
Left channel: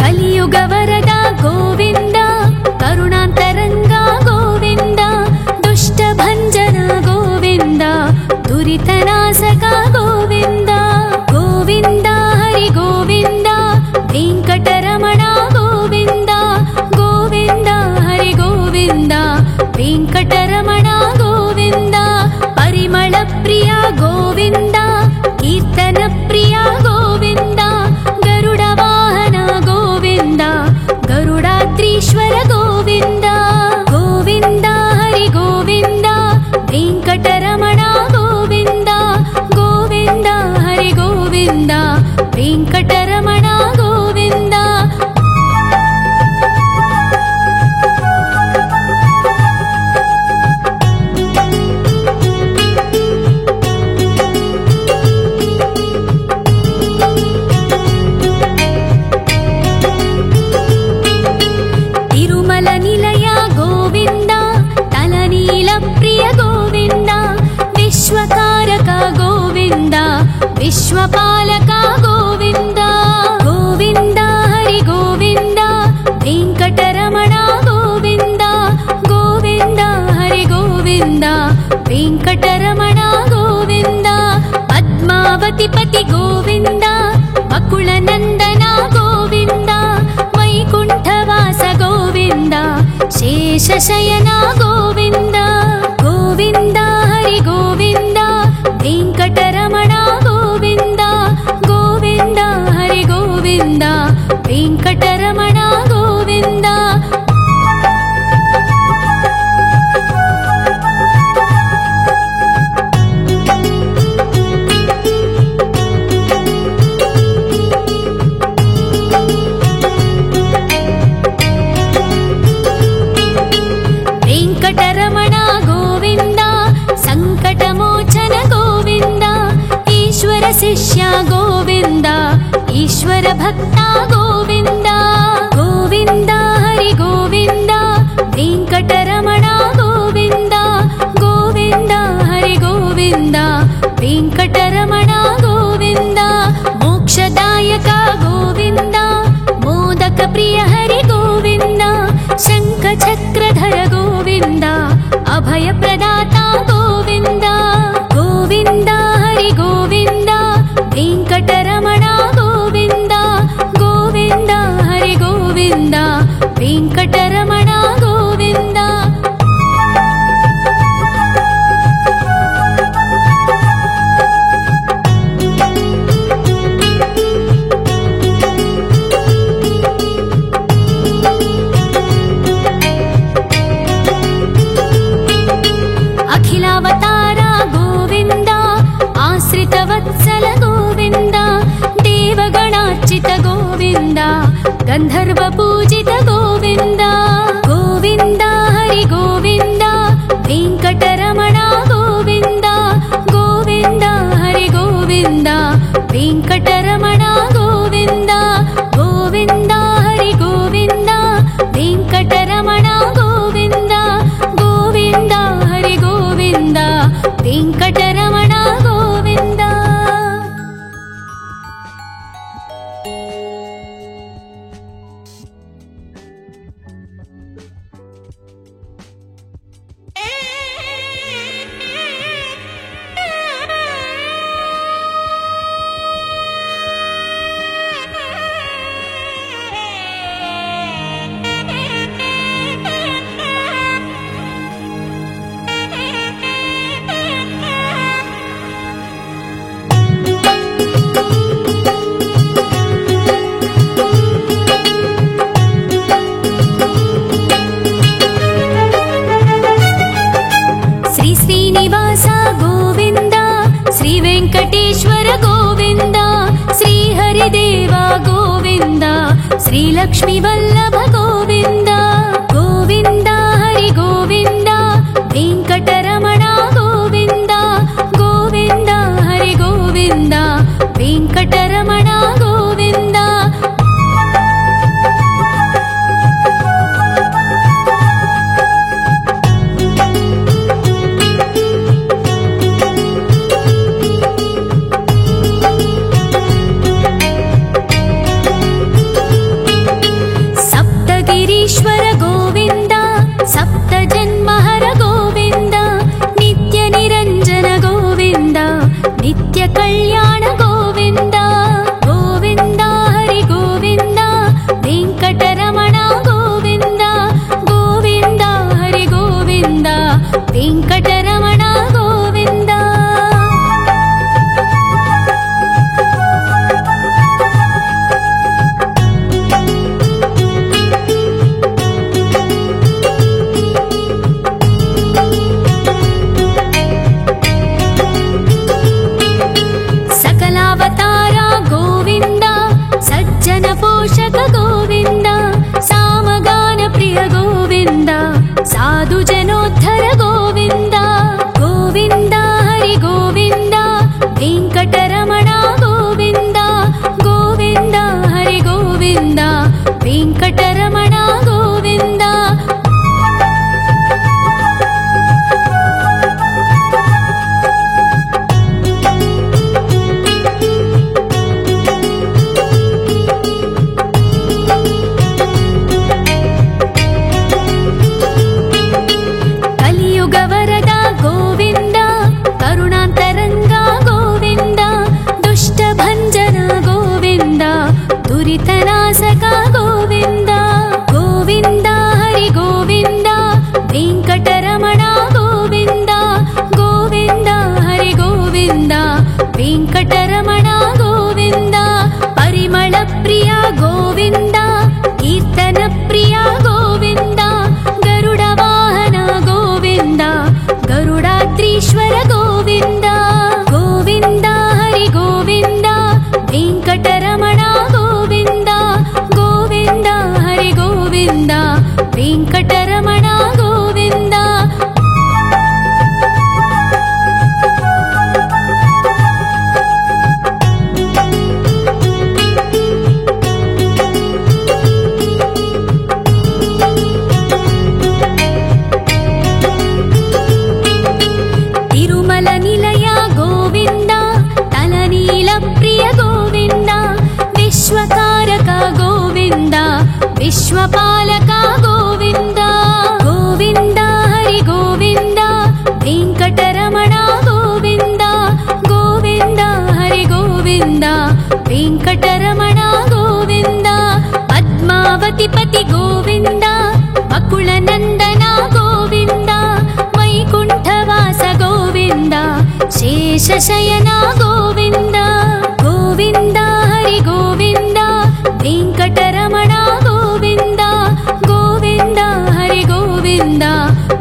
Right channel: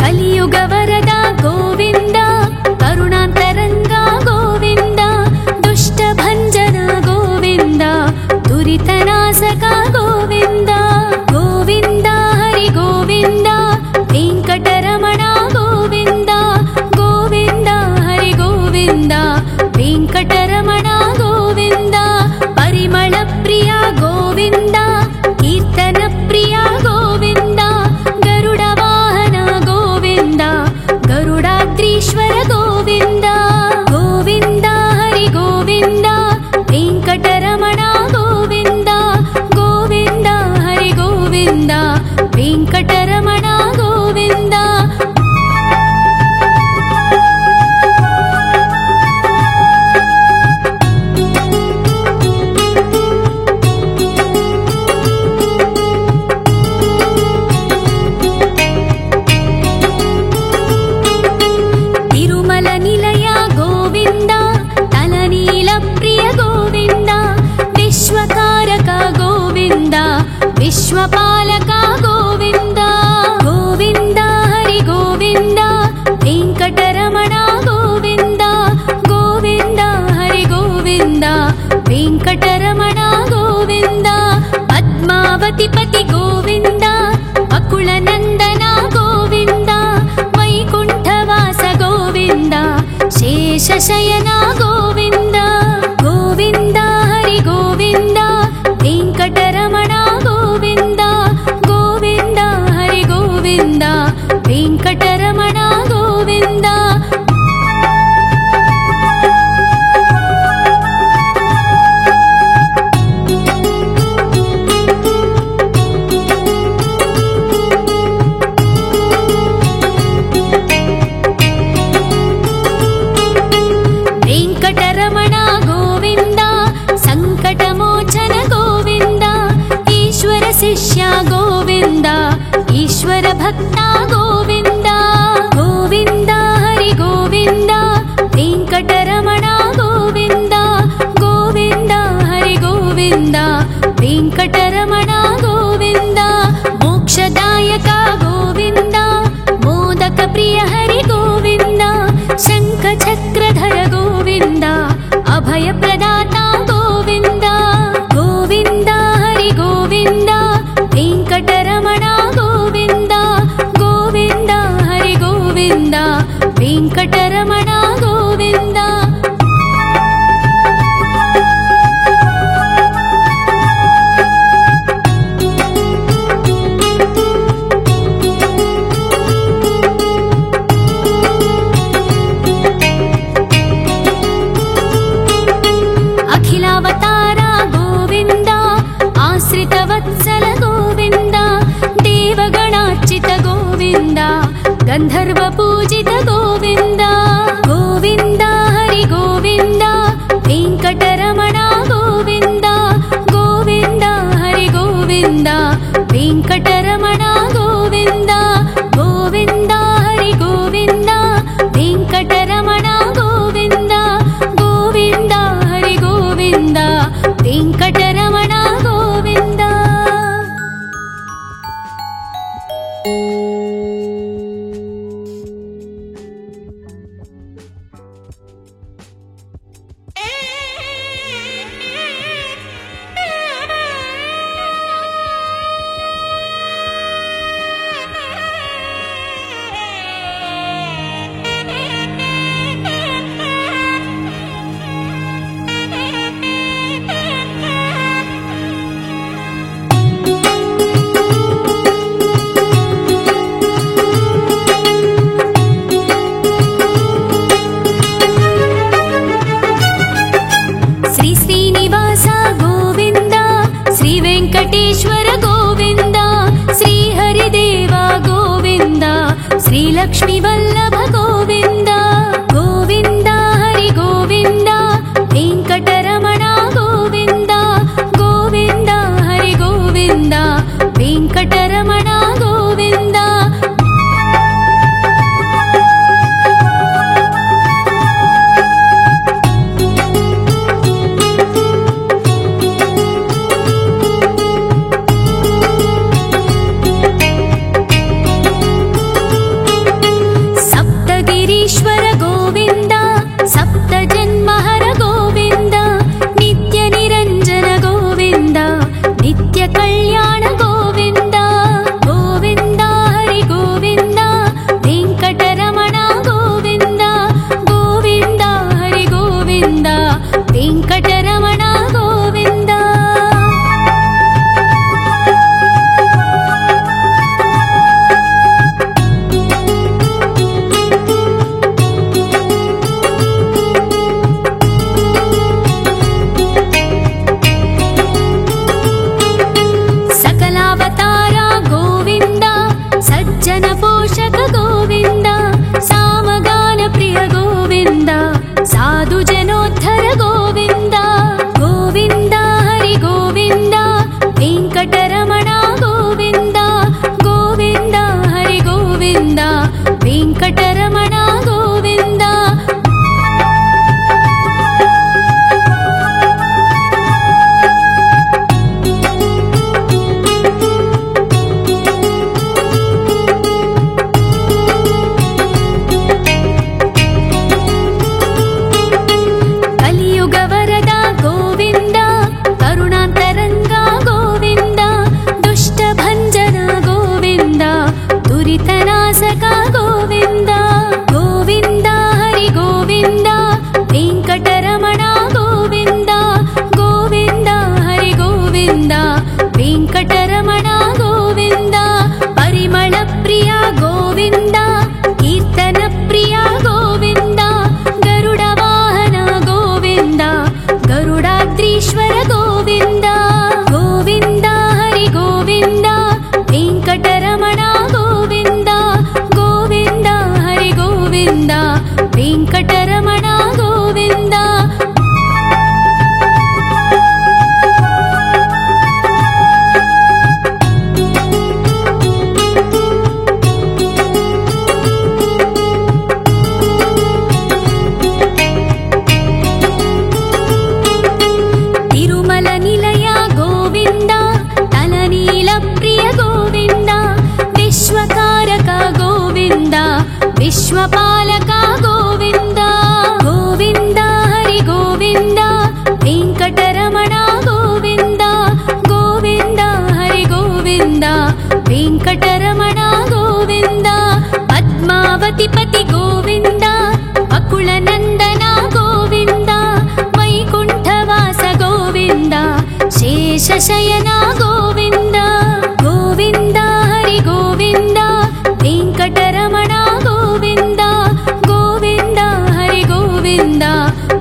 ಕಲಿಯುಗ ವರದ ಗೋವಿಂದ ಕರುಣಾಂತರಂಗ ಗೋವಿಂದ ದುಷ್ಟ ಭಂಜನ ಗೋವಿಂದ ದುರಿತನಾಶಕ ಗೋವಿಂದ ಗೋವಿಂದ ಹರಿ ಗೋವಿಂದ ವೆಂಕಟರಮಣ ಗೋವಿಂದ ಗೋವಿಂದ ಹರಿ ಗೋವಿಂದ ವೆಂಕಟರಮಣ ಗೋವಿಂದ. ಪರಿಮಳ ಪ್ರಿಯ ಗೋವಿಂದ ಕೀರ್ತನ ಪ್ರಿಯ ಗೋವಿಂದ ಗರುಡ ವಾಹನ ಗೋವಿಂದ ಗರುಡಾದ್ರೀಶ್ವರ ಗೋವಿಂದ ಗೋವಿಂದ ಹರಿ ಗೋವಿಂದ ವೆಂಕಟರಮಣ ಗೋವಿಂದ ಗೋವಿಂದ ಹರಿ ಗೋವಿಂದ ವೆಂಕಟರಮಣ ಗೋವಿಂದ. ತಿರುಮಲ ನಿಲಯ ಗೋವಿಂದ ತಲನೀಲ ಪ್ರಿಯ ಗೋವಿಂದ ವಿಶ್ವಕಾರಕ ಗೋವಿಂದ ವಿಶ್ವಪಾಲಕ ಗೋವಿಂದ ಗೋವಿಂದ ಹರಿ ಗೋವಿಂದ ವೆಂಕಟರಮಣ ಗೋವಿಂದ ಗೋವಿಂದ ಹರಿ ಗೋವಿಂದ ವೆಂಕಟರಮಣ ಗೋವಿಂದ. ಪದ್ಮಾವತಿ ಪತಿ ಗೋವಿಂದ ಅಕುಳ ನಂದನ ಗೋವಿಂದ ವೈಕುಂಠವಾಸ ಗೋವಿಂದ ಶೇಷಶಯನ ಗೋವಿಂದ ಗೋವಿಂದ ಹರಿ ಗೋವಿಂದ ವೆಂಕಟರಮಣ ಗೋವಿಂದ ಗೋವಿಂದ ಹರಿ ಗೋವಿಂದ ವೆಂಕಟರಮಣ ಗೋವಿಂದ. ವೆಂಕಟರಮಣ ಗೋವಿಂದ ಸಂಕಟಮೋಚನ ಗೋವಿಂದ ಈಶ್ವರ ಶಿಷ್ಯ ಗೋವಿಂದ ಈಶ್ವರ ಭಕ್ತ ಗೋವಿಂದ ಗೋವಿಂದ ಹರಿ ಗೋವಿಂದ ವೆಂಕಟರಮಣ ಗೋವಿಂದ ಗೋವಿಂದ ಹರಿ ಗೋವಿಂದ ವೆಂಕಟರಮಣ ಗೋವಿಂದ. ಮೋಕ್ಷದಾಯಕ ಗೋವಿಂದ ಮೋದಕ ಪ್ರಿಯ ಹರಿ ಗೋವಿಂದ ಶಂಖ ಚಕ್ರಧರ ಗೋವಿಂದ ಅಭಯ ಪ್ರದಾತ ಗೋವಿಂದ ಗೋವಿಂದ ಹರಿ ಗೋವಿಂದ ವೆಂಕಟರಮಣ ಗೋವಿಂದ ಗೋವಿಂದ ಹರಿ ಗೋವಿಂದ ವೆಂಕಟರಮಣ ಗೋವಿಂದ. ಅಖಿಲಾವತಾರ ಗೋವಿಂದ ಆಶ್ರಿತ ವತ್ಸಲ ಗೋವಿಂದ ದೇವಗಣಾರ್ಚಿತ ಗೋವಿಂದ ಗಂಧರ್ವ ಪೂಜಿತ ಗೋವಿಂದ ಗೋವಿಂದ ಹರಿ ಗೋವಿಂದ ವೆಂಕಟರಮಣ ಗೋವಿಂದ ಗೋವಿಂದ ಹರಿ ಗೋವಿಂದ ವೆಂಕಟರಮಣ ಗೋವಿಂದ ಗೋವಿಂದ ಹರಿ ಗೋವಿಂದ ವೆಂಕಟರಮಣ ಗೋವಿಂದ ಗೋವಿಂದ ಹರಿ ಗೋವಿಂದ ವೆಂಕಟರಮಣ ಗೋವಿಂದ. ಶ್ರೀ ಶ್ರೀನಿವಾಸ ಗೋವಿಂದ ಶ್ರೀ ವೆಂಕಟೇಶ್ವರ ಗೋವಿಂದ ಶ್ರೀ ಹರಿದೇವ ಗೋವಿಂದ ಶ್ರೀ ಲಕ್ಷ್ಮೀ ವಲ್ಲಭ ಗೋವಿಂದ ಗೋವಿಂದ ಹರಿ ಗೋವಿಂದ ವೆಂಕಟರಮಣ ಗೋವಿಂದ. ಸಕಲಾವತಾರ ಗೋವಿಂದ, ಸಜ್ಜನ ಪೋಷಕ ಗೋವಿಂದ, ಸಾಮಗಾನ ಪ್ರಿಯ ಗೋವಿಂದ, ಸಾಧು ಜನೋದ್ಧರ ಗೋವಿಂದ. ಗೋವಿಂದ ಹರಿ ಗೋವಿಂದ, ವೆಂಕಟರಮಣ ಗೋವಿಂದ. ಗೋವಿಂದ ಹರಿ ಗೋವಿಂದ, ವೆಂಕಟರಮಣ ಗೋವಿಂದ. ಕಲಿಯುಗ ವರದ ಗೋವಿಂದ, ಕರುಣಾಂತರಂಗ ಗೋವಿಂದ, ದುಷ್ಟ ಭಂಜನ ಗೋವಿಂದ, ದುರಿತನಾಶಕ ಗೋವಿಂದ. ಗೋವಿಂದ ಹರಿ ಗೋವಿಂದ, ವೆಂಕಟರಮಣ ಗೋವಿಂದ. ಗೋವಿಂದ ಹರಿ ಗೋವಿಂದ, ವೆಂಕಟರಮಣ ಗೋವಿಂದ. ಪರಿಮಳ ಪ್ರಿಯ ಗೋವಿಂದ, ಕೀರ್ತನ ಪ್ರಿಯ ಗೋವಿಂದ, ಗರುಡ ವಾಹನ ಗೋವಿಂದ, ಗರುಡಾದ್ರೀಶ್ವರ ಗೋವಿಂದ. ಗೋವಿಂದ ಹರಿ ಗೋವಿಂದ, ವೆಂಕಟರಮಣ ಗೋವಿಂದ. ಗೋವಿಂದ ಹರಿ ಗೋವಿಂದ, ವೆಂಕಟರಮಣ ಗೋವಿಂದ. ತಿರುಮಲ ನಿಲಯ ಗೋವಿಂದ, ತಲನೀಲ ಪ್ರಿಯ ಗೋವಿಂದ, ವಿಶ್ವಕಾರಕ ಗೋವಿಂದ, ವಿಶ್ವಪಾಲಕ ಗೋವಿಂದ. ಗೋವಿಂದ ಹರಿ ಗೋವಿಂದ, ವೆಂಕಟರಮಣ ಗೋವಿಂದ. ಗೋವಿಂದ ಹರಿ ಗೋವಿಂದ, ವೆಂಕಟರಮಣ ಗೋವಿಂದ. ಪದ್ಮಾವತಿ ಪತಿ ಗೋವಿಂದ, ಬಕುಳ ನಂದನ ಗೋವಿಂದ, ವೈಕುಂಠವಾಸ ಗೋವಿಂದ, ಶೇಷಶಯನ ಗೋವಿಂದ. ಗೋವಿಂದ ಹರಿ ಗೋವಿಂದ, ವೆಂಕಟರಮಣ ಗೋವಿಂದ. ಗೋವಿಂದ ಹರಿ ಗೋವಿಂದ,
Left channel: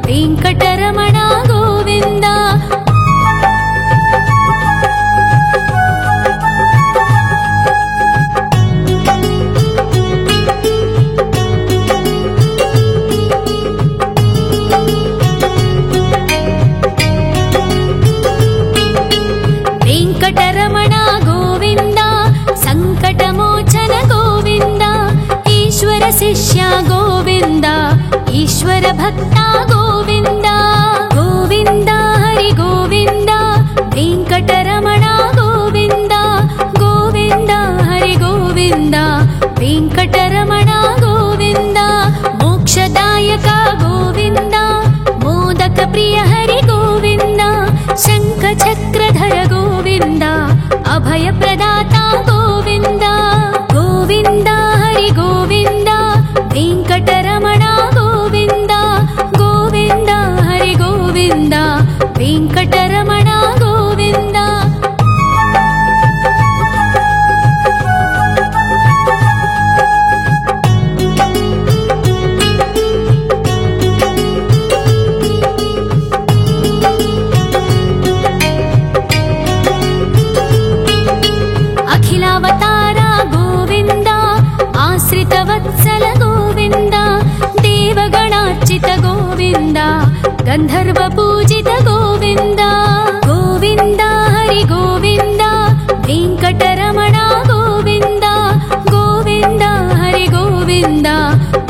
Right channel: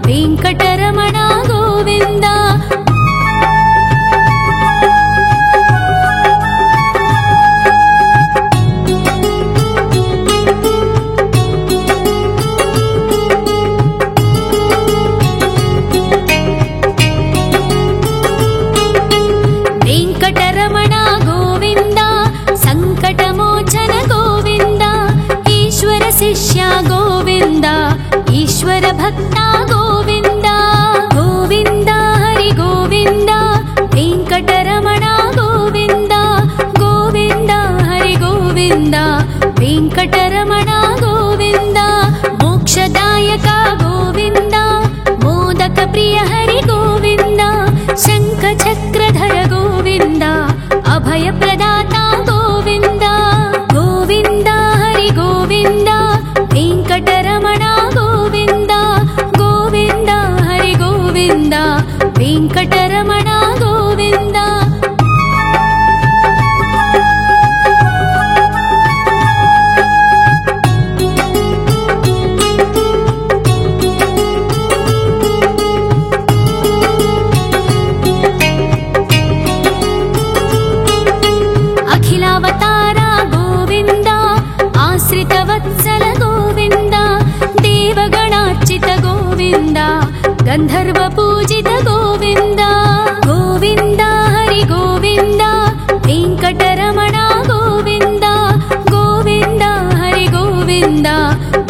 ವೆಂಕಟರಮಣ ಗೋವಿಂದ. ವೆಂಕಟರಮಣ ಗೋವಿಂದ, ಸಂಕಟಮೋಚನ ಗೋವಿಂದ, ಈಶ್ವರ ಶಿಷ್ಯ ಗೋವಿಂದ, ಈಶ್ವರ ಭಕ್ತ ಗೋವಿಂದ. ಗೋವಿಂದ ಹರಿ ಗೋವಿಂದ, ವೆಂಕಟರಮಣ ಗೋವಿಂದ. ಗೋವಿಂದ ಹರಿ ಗೋವಿಂದ, ವೆಂಕಟರಮಣ ಗೋವಿಂದ. ಮೋಕ್ಷದಾಯಕ ಗೋವಿಂದ, ಮೋದಕ ಪ್ರಿಯ ಹರಿ ಗೋವಿಂದ, ಶಂಖ ಚಕ್ರಧರ ಗೋವಿಂದ, ಅಭಯ ಪ್ರದಾತ ಗೋವಿಂದ. ಗೋವಿಂದ ಹರಿ ಗೋವಿಂದ, ವೆಂಕಟರಮಣ ಗೋವಿಂದ. ಗೋವಿಂದ ಹರಿ ಗೋವಿಂದ, ವೆಂಕಟರಮಣ ಗೋವಿಂದ. ಅಖಿಲಾವತಾರ ಗೋವಿಂದ, ಆಶ್ರಿತ ವತ್ಸಲ ಗೋವಿಂದ, ದೇವಗಣಾರ್ಚಿತ ಗೋವಿಂದ, ಗಂಧರ್ವ ಪೂಜಿತ ಗೋವಿಂದ. ಗೋವಿಂದ ಹರಿ ಗೋವಿಂದ, ವೆಂಕಟರಮಣ ಗೋವಿಂದ. ಗೋವಿಂದ ಹರಿ ಗೋವಿಂದ,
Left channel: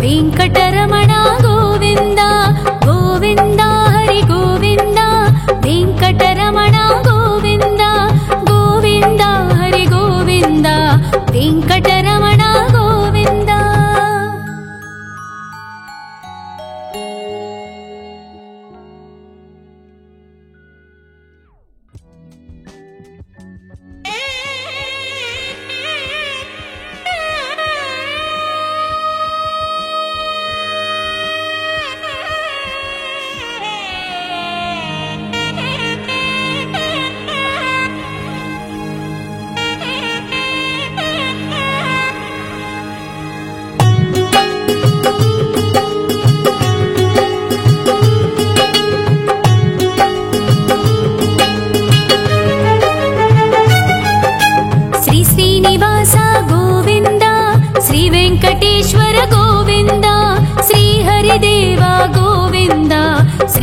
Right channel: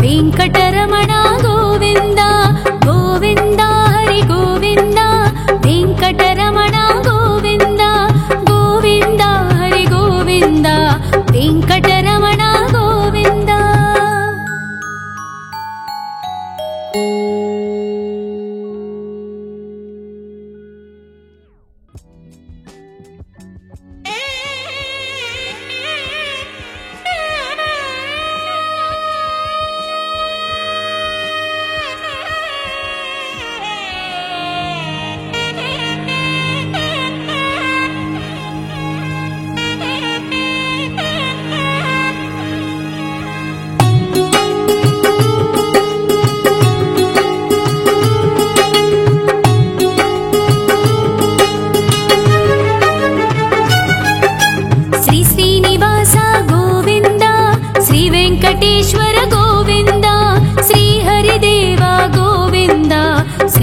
ವೆಂಕಟರಮಣ ಗೋವಿಂದ. ಗೋವಿಂದ ಹರಿ ಗೋವಿಂದ, ವೆಂಕಟರಮಣ ಗೋವಿಂದ. ಗೋವಿಂದ ಹರಿ ಗೋವಿಂದ, ವೆಂಕಟರಮಣ ಗೋವಿಂದ.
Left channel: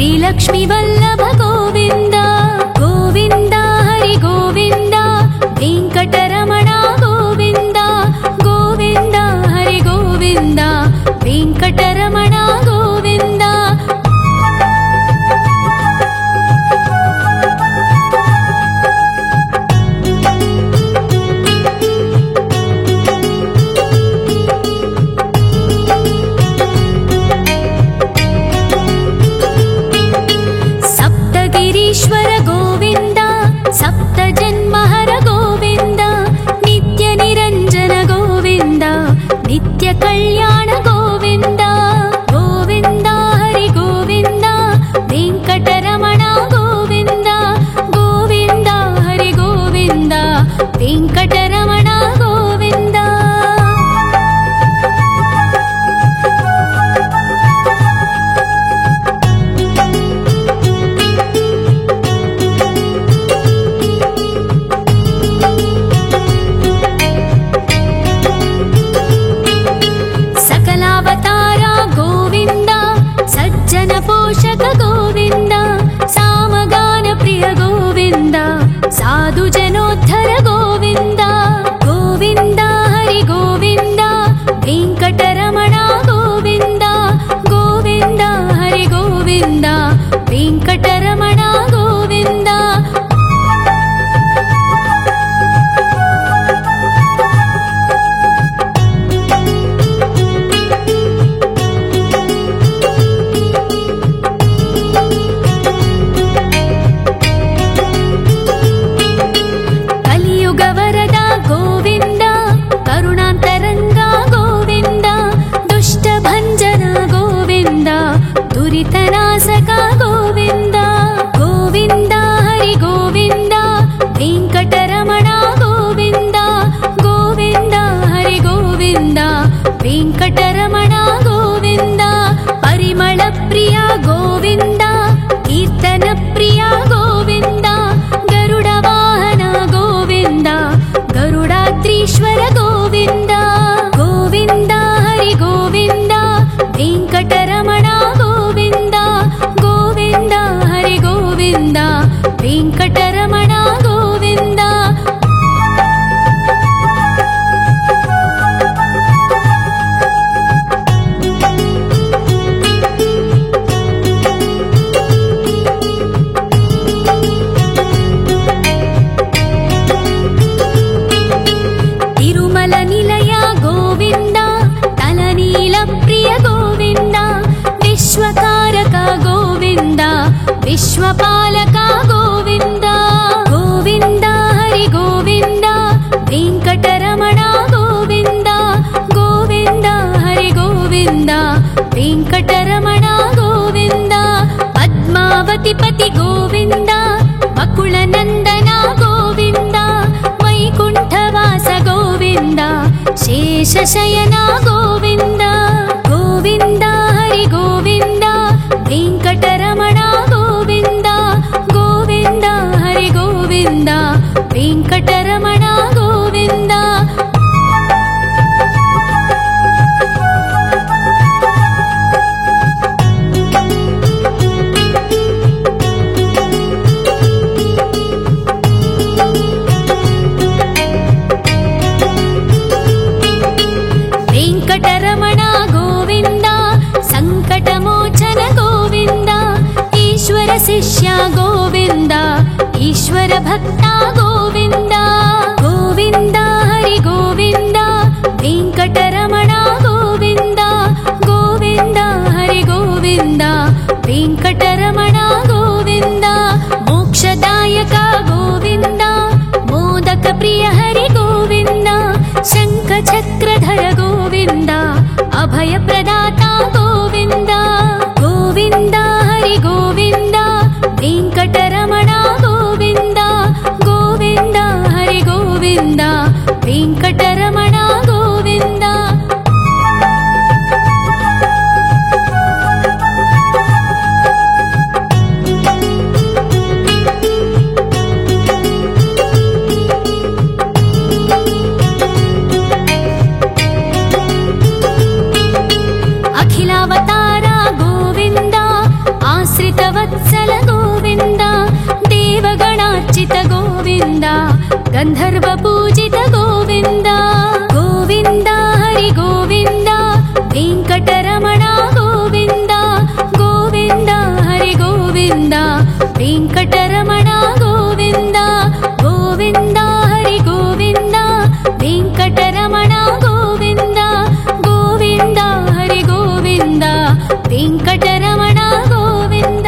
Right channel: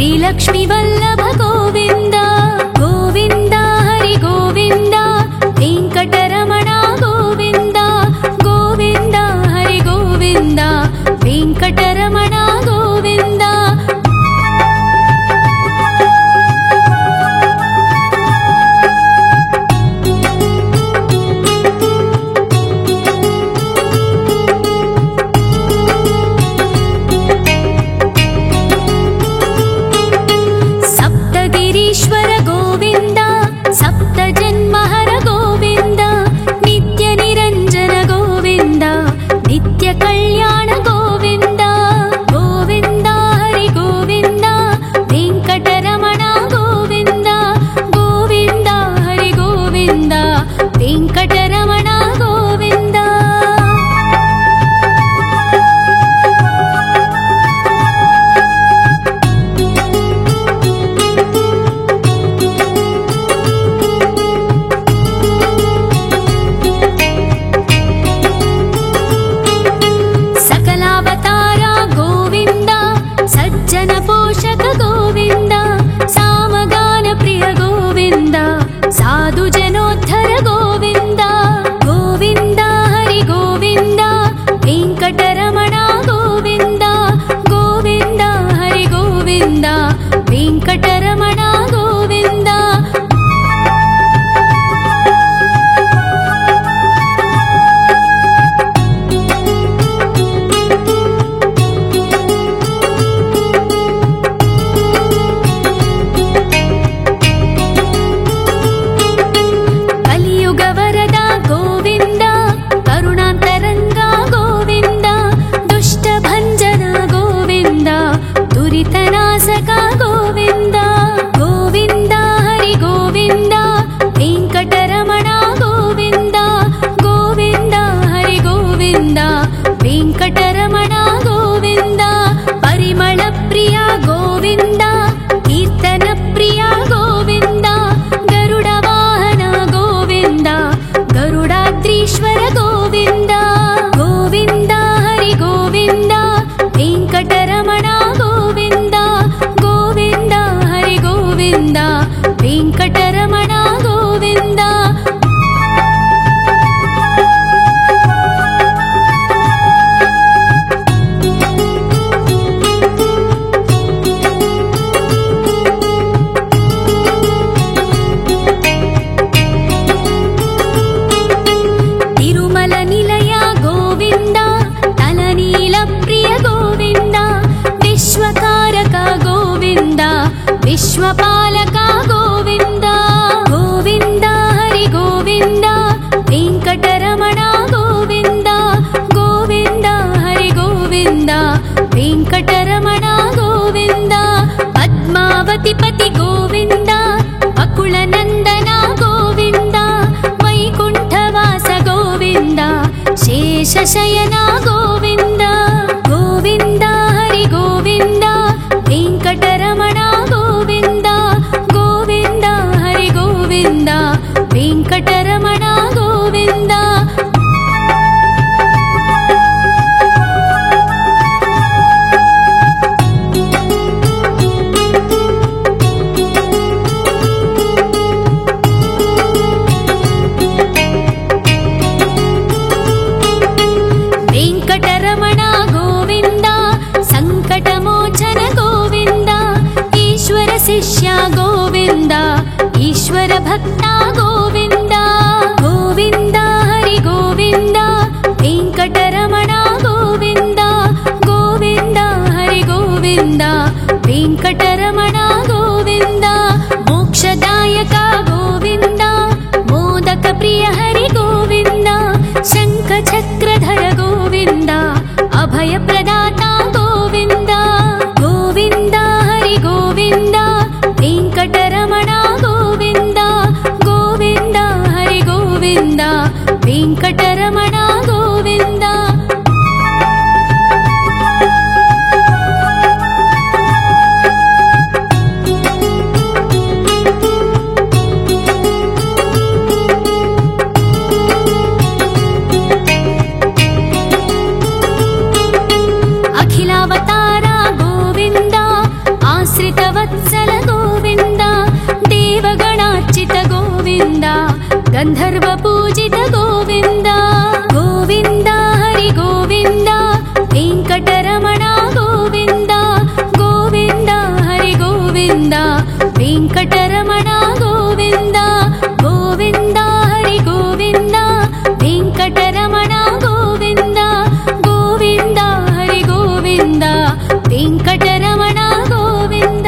श्रीलक्ष्मी वल्लभ गोविन्द गोविन्द हरि गोविन्द वेङ्कटरमण गोविन्द गोविन्द हरि गोविन्द वेङ्कटरमण गोविन्द सप्तगिरीश्वर गोविन्द सप्तजन्महर गोविन्द नित्यनिरञ्जन गोविन्द नित्यकल्याण गोविन्द गोविन्द हरि गोविन्द वेङ्कटरमण गोविन्द गोविन्द हरि गोविन्द वेङ्कटरमण गोविन्द सकलावतारा गोविन्द सज्जन पोषक गोविन्द सामगान प्रिय गोविन्द साधु जनोद्धर गोविन्द गोविन्द हरि गोविन्द वेङ्कटरमण गोविन्द गोविन्द हरि गोविन्द वेङ्कटरमण गोविन्द कलियुगवरदा गोविन्द करुणान्तरङ्गा गोविन्द दुष्टभञ्जना गोविन्द दुरितनाशका गोविन्द गोविन्द हरि गोविन्द वेङ्कटरमण गोविन्द गोविन्द हरि गोविन्द वेङ्कटरमण गोविन्द परिमळ प्रिया गोविन्द कीर्तन प्रिया गोविन्द गरुड वाहन गोविन्द गरुडाद्रीश्वर गोविन्द गोविन्द हरि गोविन्द वेङ्कटरमण गोविन्द गोविन्द हरि गोविन्द वेङ्कटरमण गोविन्द तिरुमल निलय गोविन्द तलनील प्रिय गोविन्द विश्वकारक गोविन्द विश्वपालक गोविन्द गोविन्द हरि गोविन्द वेङ्कटरमण गोविन्द गोविन्द हरि गोविन्द वेङ्कटरमण गोविन्द पद्मावति पति गोविन्द वकुलनन्दन गोविन्द वैकुण्ठवास गोविन्द शेषशयन गोविन्द गोविन्द हरि गोविन्द वेङ्कटरमण गोविन्द गोविन्द हरि गोविन्द वेङ्कटरमण गोविन्द वेङ्कटरमण गोविन्द सङ्कटमोचन गोविन्द ईश्वर शिष्य गोविन्द ईश्वर भक्ता गोविन्द गोविन्द हरि गोविन्द वेङ्कटरमण गोविन्द गोविन्द हरि गोविन्द वेङ्कटरमण गोविन्द मोक्षदायक गोविन्द मोदक प्रिय हरि गोविन्द शङ्ख चक्रधर गोविन्द अभय प्रदाता गोविन्द गोविन्द हरि गोविन्द वेङ्कटरमण गोविन्द गोविन्द हरि गोविन्द वेङ्कटरमण गोविन्द अखिलावतारा गोविन्द आश्रितवत्सल देवगणार्चित गोविन्द गन्धर्व पूजित गोविन्द गोविन्द हरि गोविन्द वेङ्कटरमण गोविन्द गोविन्द हरि गोविन्द वेङ्कटरमण गोविन्द गोविन्द हरि गोविन्द वेङ्कटरमण गोविन्द गोविन्द हरि गोविन्द वेङ्कटरमण गोविन्द।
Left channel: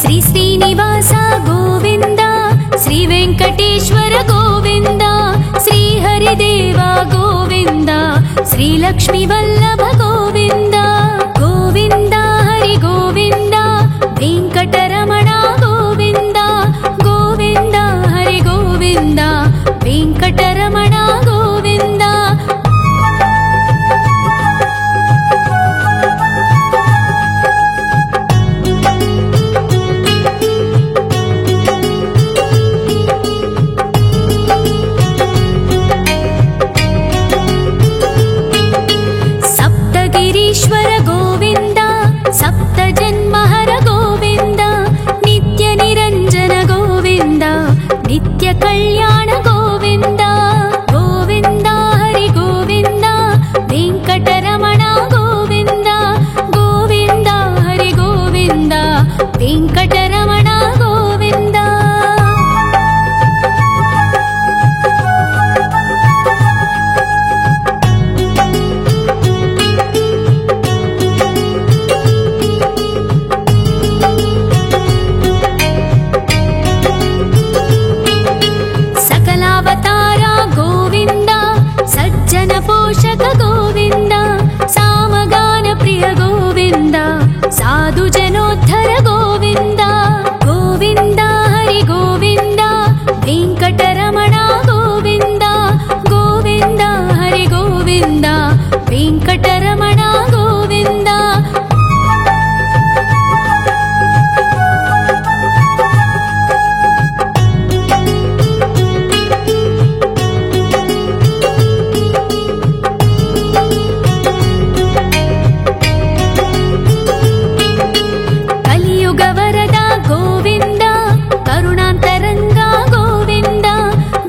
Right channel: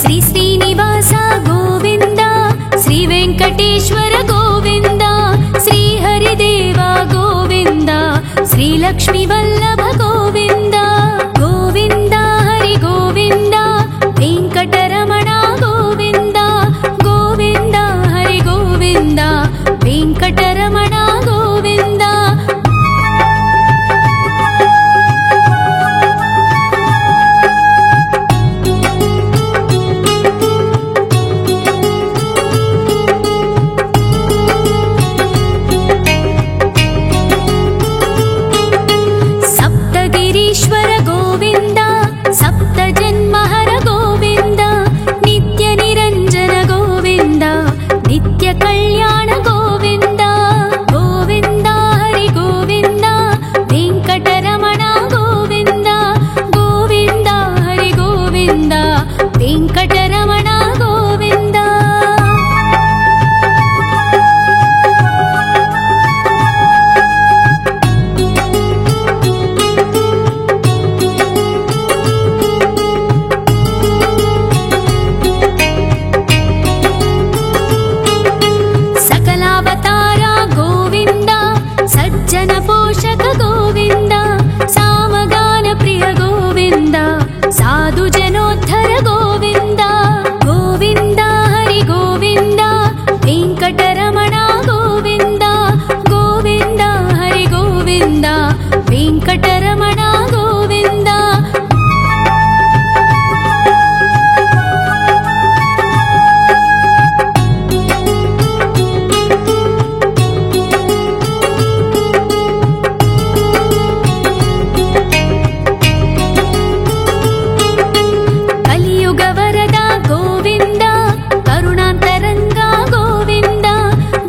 श्री श्रीनिवास गोविन्द श्री वेङ्कटेश्वर गोविन्द श्री हरिदेव गोविन्द श्री लक्ष्मी वल्लभ गोविन्द गोविन्द हरि गोविन्द वेङ्कटरमण गोविन्द गोविन्द हरि गोविन्द वेङ्कटरमण गोविन्द। सप्तगिरीश्वर गोविन्द सप्तजन्महर गोविन्द नित्यनिरञ्जन गोविन्द नित्यकल्याण गोविन्द गोविन्द हरि गोविन्द वेङ्कटरमण गोविन्द गोविन्द हरि गोविन्द वेङ्कटरमण गोविन्द। सकलावतारा गोविन्द सज्जन पोषक गोविन्द सामगान प्रिय गोविन्द साधु जनोद्धर गोविन्द गोविन्द हरि गोविन्द वेङ्कटरमण गोविन्द गोविन्द हरि गोविन्द वेङ्कटरमण गोविन्द। कलियुग वरद गोविन्द करुणान्तरङ्ग गोविन्द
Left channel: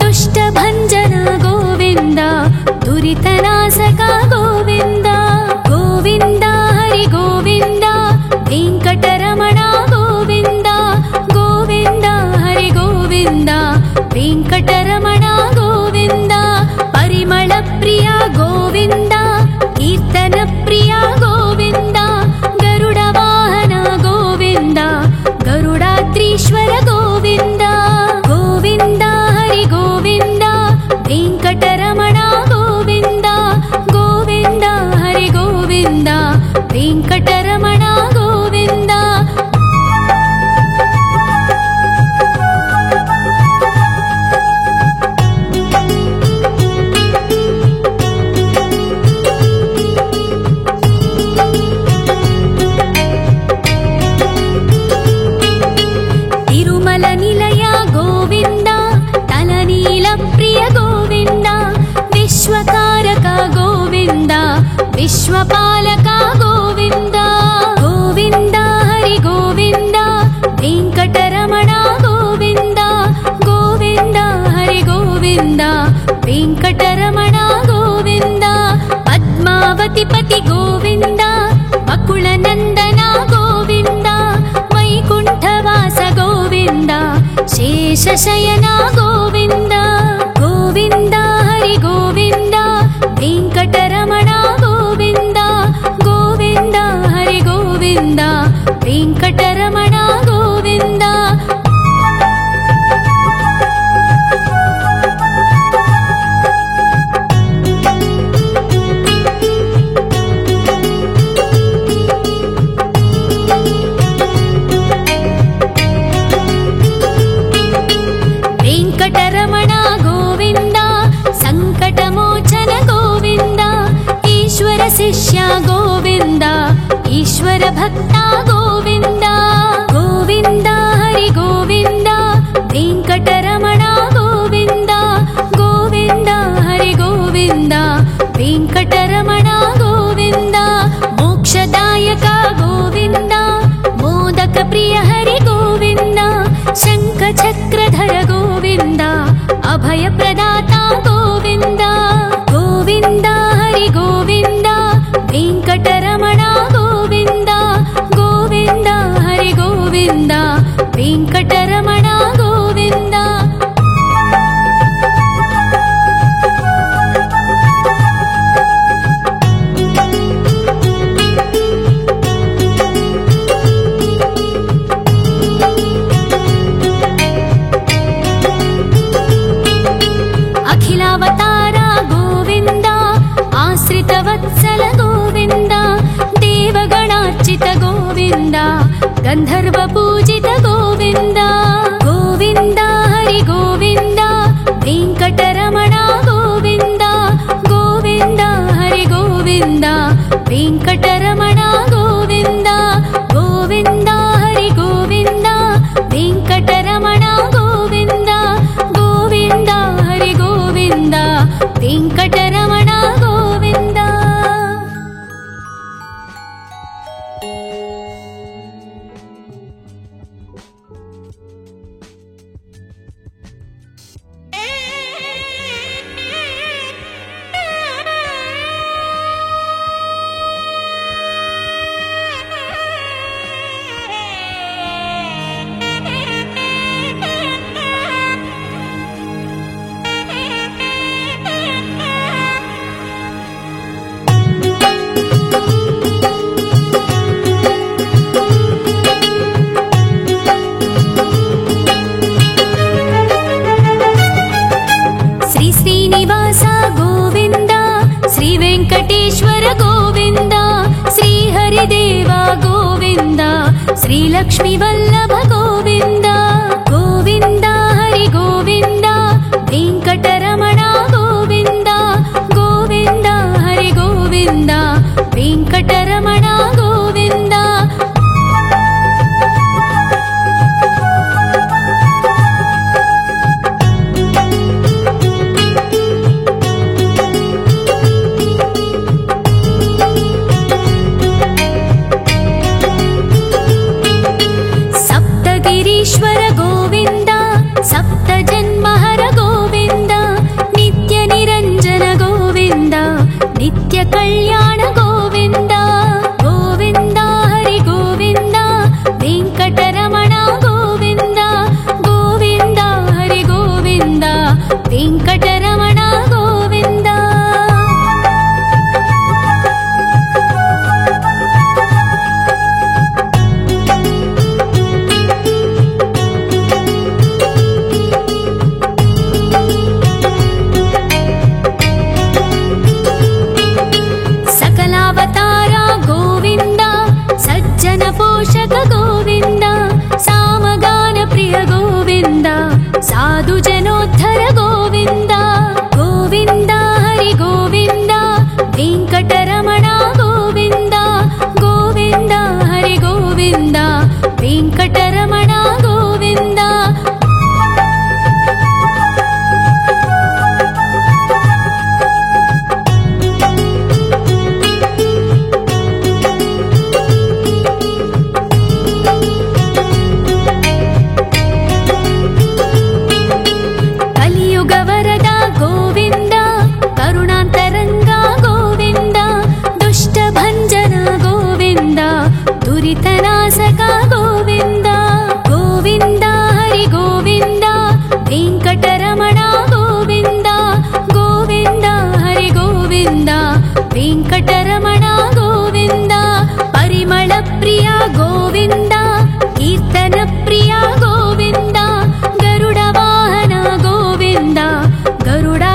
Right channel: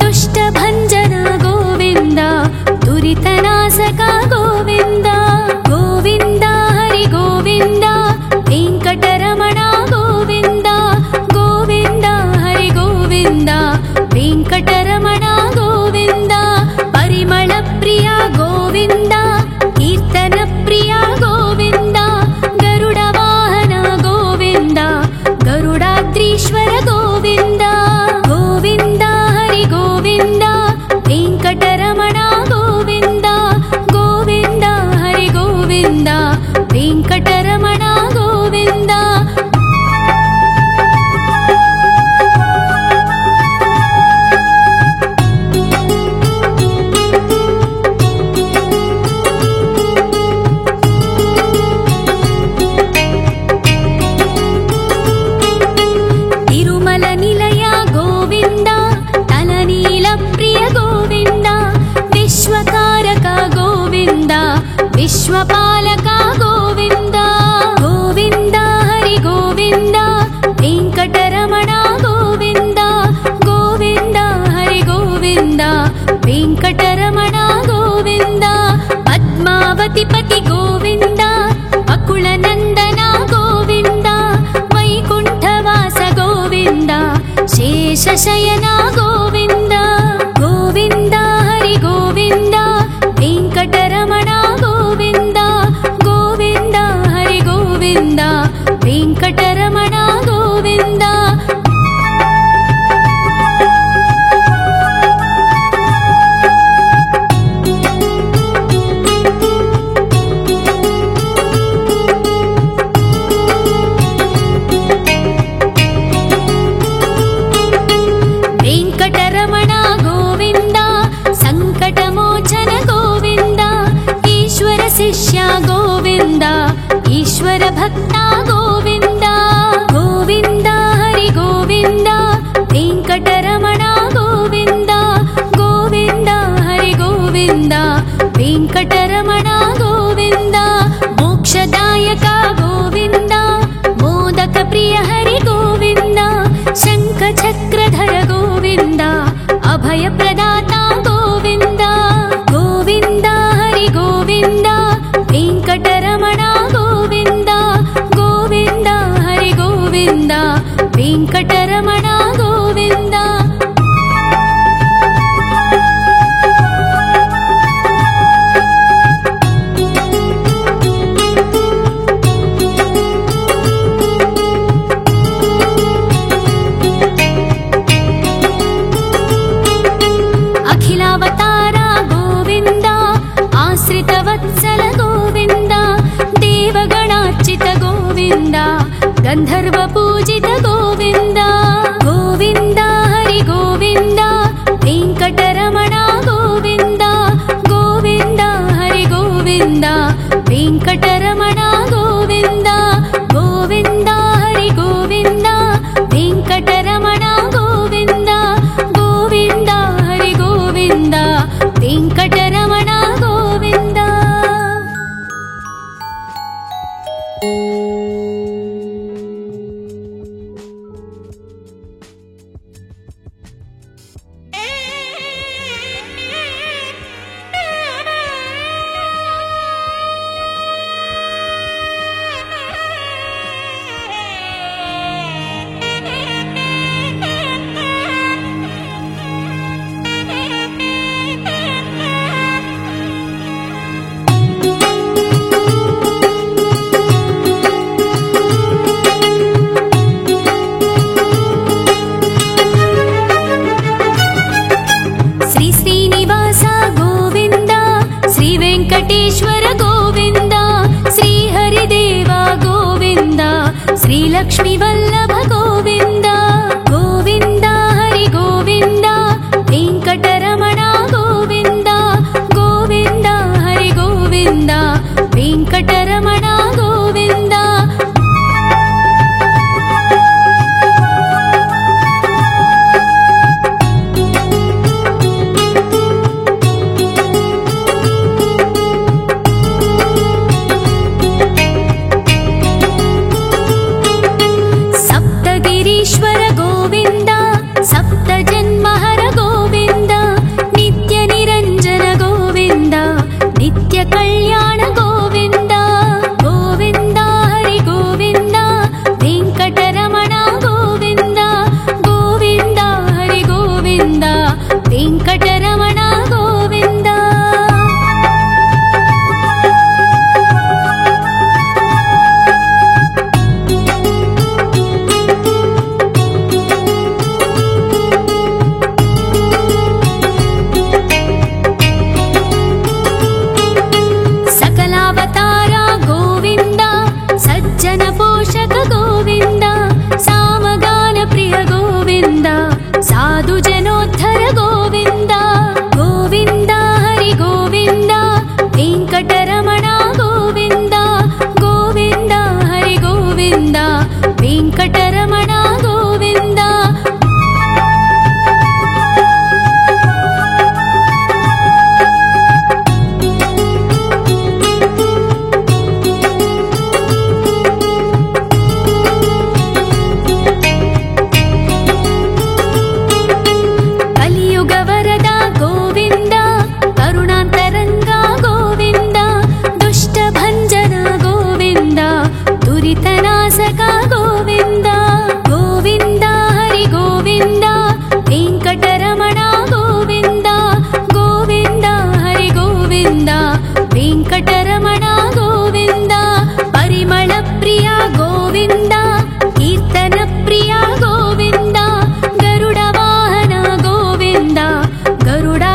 दुष्टभञ्जन गोविन्द दुरितनाशक गोविन्द गोविन्द हरि गोविन्द वेङ्कटरमण गोविन्द गोविन्द हरि गोविन्द वेङ्कटरमण गोविन्द। परिमल प्रिय गोविन्द कीर्तन प्रिय गोविन्द गरुड वाहन गोविन्द गरुडाद्रीश्वर गोविन्द गोविन्द हरि गोविन्द वेङ्कटरमण गोविन्द गोविन्द हरि गोविन्द वेङ्कटरमण गोविन्द। ॐ। तिरुमल निलय गोविन्द तलनील प्रिय गोविन्द विश्वकारक गोविन्द विश्वपालक गोविन्द गोविन्द हरि गोविन्द वेङ्कटरमण गोविन्द गोविन्द हरि गोविन्द वेङ्कटरमण गोविन्द। पद्मावति पति गोविन्द अकुलनन्दन गोविन्द वैकुण्ठवास गोविन्द शेषशयन गोविन्द गोविन्द हरि गोविन्द वेङ्कटरमण गोविन्द गोविन्द हरि गोविन्द वेङ्कटरमण गोविन्द। शिष्य गोविन्द ईश्वर भक्ता गोविन्द गोविन्द हरि गोविन्द वेङ्कटरमण गोविन्द गोविन्द हरि गोविन्द वेङ्कटरमण गोविन्द मोक्षदायक गोविन्द मोदक प्रिय हरि गोविन्द शङ्खचक्रधर गोविन्द अभय प्रदाता गोविन्द गोविन्द हरि गोविन्द वेङ्कटरमण गोविन्द गोविन्द हरि गोविन्द वेङ्कटरमण गोविन्द अखिलावतारा गोविन्द आश्रितवत्सल गोविन्द देवगणार्चित गोविन्द गन्धर्व पूजित गोविन्द गोविन्द हरि गोविन्द वेङ्कटरमण गोविन्द गोविन्द हरि गोविन्द वेङ्कटरमण गोविन्द गोविन्द हरि गोविन्द वेङ्कटरमण गोविन्द गोविन्द हरि गोविन्द वेङ्कटरमण गोविन्द श्री श्रीनिवास गोविन्द श्री वेङ्कटेश्वर गोविन्द श्री हरिदेव गोविन्द श्री लक्ष्मी वल्लभ गोविन्द गोविन्द हरि गोविन्द वेङ्कटरमण गोविन्द गोविन्द हरि गोविन्द वेङ्कटरमण गोविन्द सप्तगिरीश्वर गोविन्द सप्तजन्महर गोविन्द नित्यनिरञ्जन गोविन्द नित्यकल्याण गोविन्द गोविन्द हरि गोविन्द वेङ्कटरमण गोविन्द गोविन्द हरि गोविन्द वेङ्कटरमण गोविन्द सकलावतारा गोविन्द सज्जन पोषक गोविन्द सामगान प्रिय गोविन्द साधु जनोद्धर गोविन्द गोविन्द हरि गोविन्द वेङ्कटरमण गोविन्द गोविन्द हरि गोविन्द वेङ्कटरमण गोविन्द कलियुग वरदा गोविन्द करुणान्तरङ्ग गोविन्द दुष्टभञ्जन गोविन्द दुरितनाशक गोविन्द गोविन्द हरि गोविन्द वेङ्कटरमण गोविन्द गोविन्द हरि गोविन्द वेङ्कटरमण गोविन्द परिमल प्रिय गोविन्द कीर्तन प्रिय गोविन्द गरुड वाहन गोविन्द गरुडा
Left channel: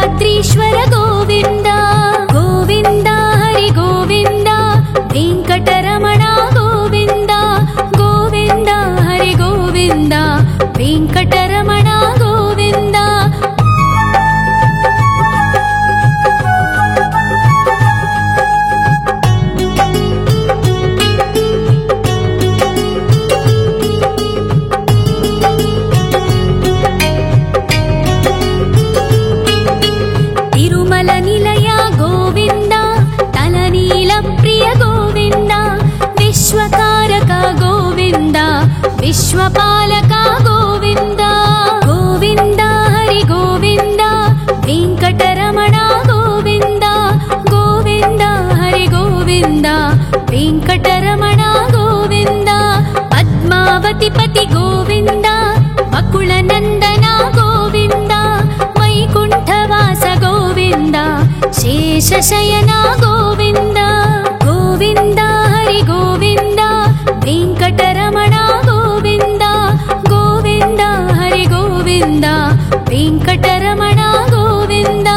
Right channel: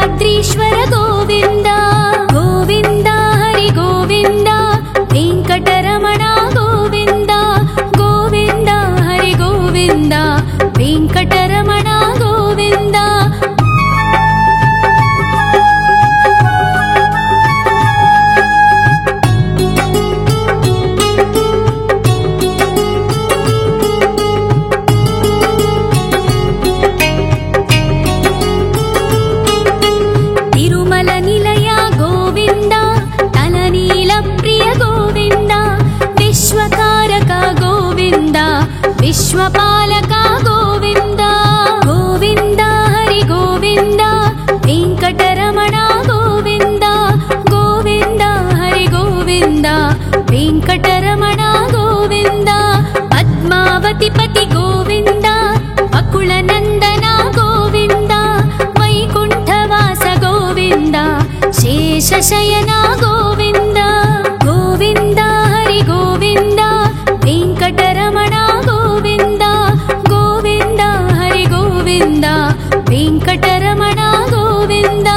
कालनिलय गोविन्द तलनीलप्रिय गोविन्द विश्वकारक गोविन्द विश्वपालक गोविन्द गोविन्द हरि गोविन्द वेङ्कटरमण गोविन्द गोविन्द हरि गोविन्द वेङ्कटरमण गोविन्द पद्मावतिपति गोविन्द वकुलनन्दन गोविन्द वैकुण्ठवास गोविन्द शेषशयन गोविन्द गोविन्द हरि गोविन्द वेङ्कटरमण गोविन्द गोविन्द हरि गोविन्द वेङ्कटरमण गोविन्द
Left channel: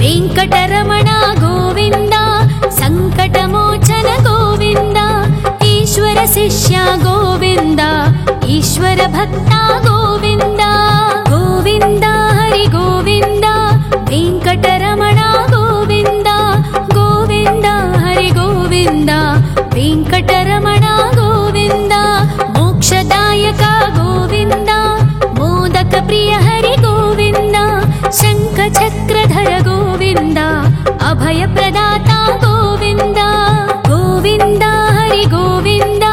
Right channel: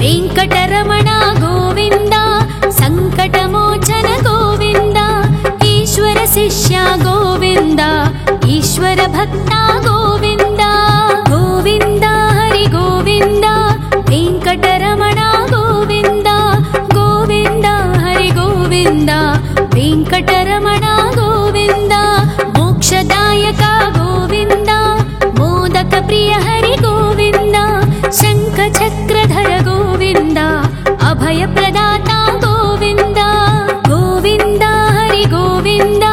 वेङ्कटरमण गोविन्द सङ्कटमोचन गोविन्द ईश्वर शिष्य गोविन्द ईश्वर भक्ता गोविन्द गोविन्द हरि गोविन्द वेङ्कटरमण गोविन्द गोविन्द हरि गोविन्द वेङ्कटरमण गोविन्द मोक्षदायक गोविन्द मोदक प्रिय हरि गोविन्द शङ्खचक्रधर गोविन्द अभयप्रदाता गोविन्द गोविन्द हरि गोविन्द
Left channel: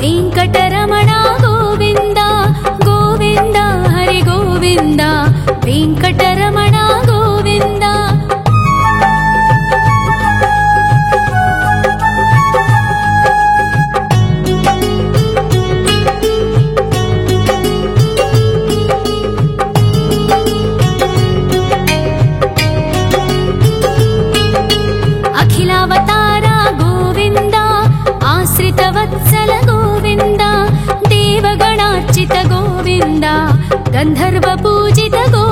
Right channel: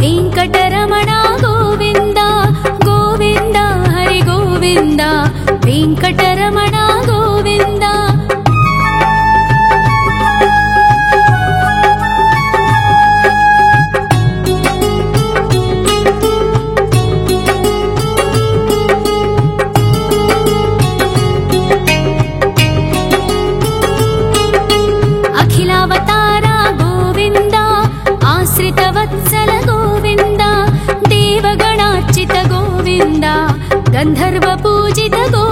वेङ्कटरमण गोविन्द गोविन्द हरि गोविन्द वेङ्कटरमण गोविन्द अखिलावतार गोविन्द आश्रितवत्सल गोविन्द देवगणार्चित गोविन्द गन्धर्वपूजित गोविन्द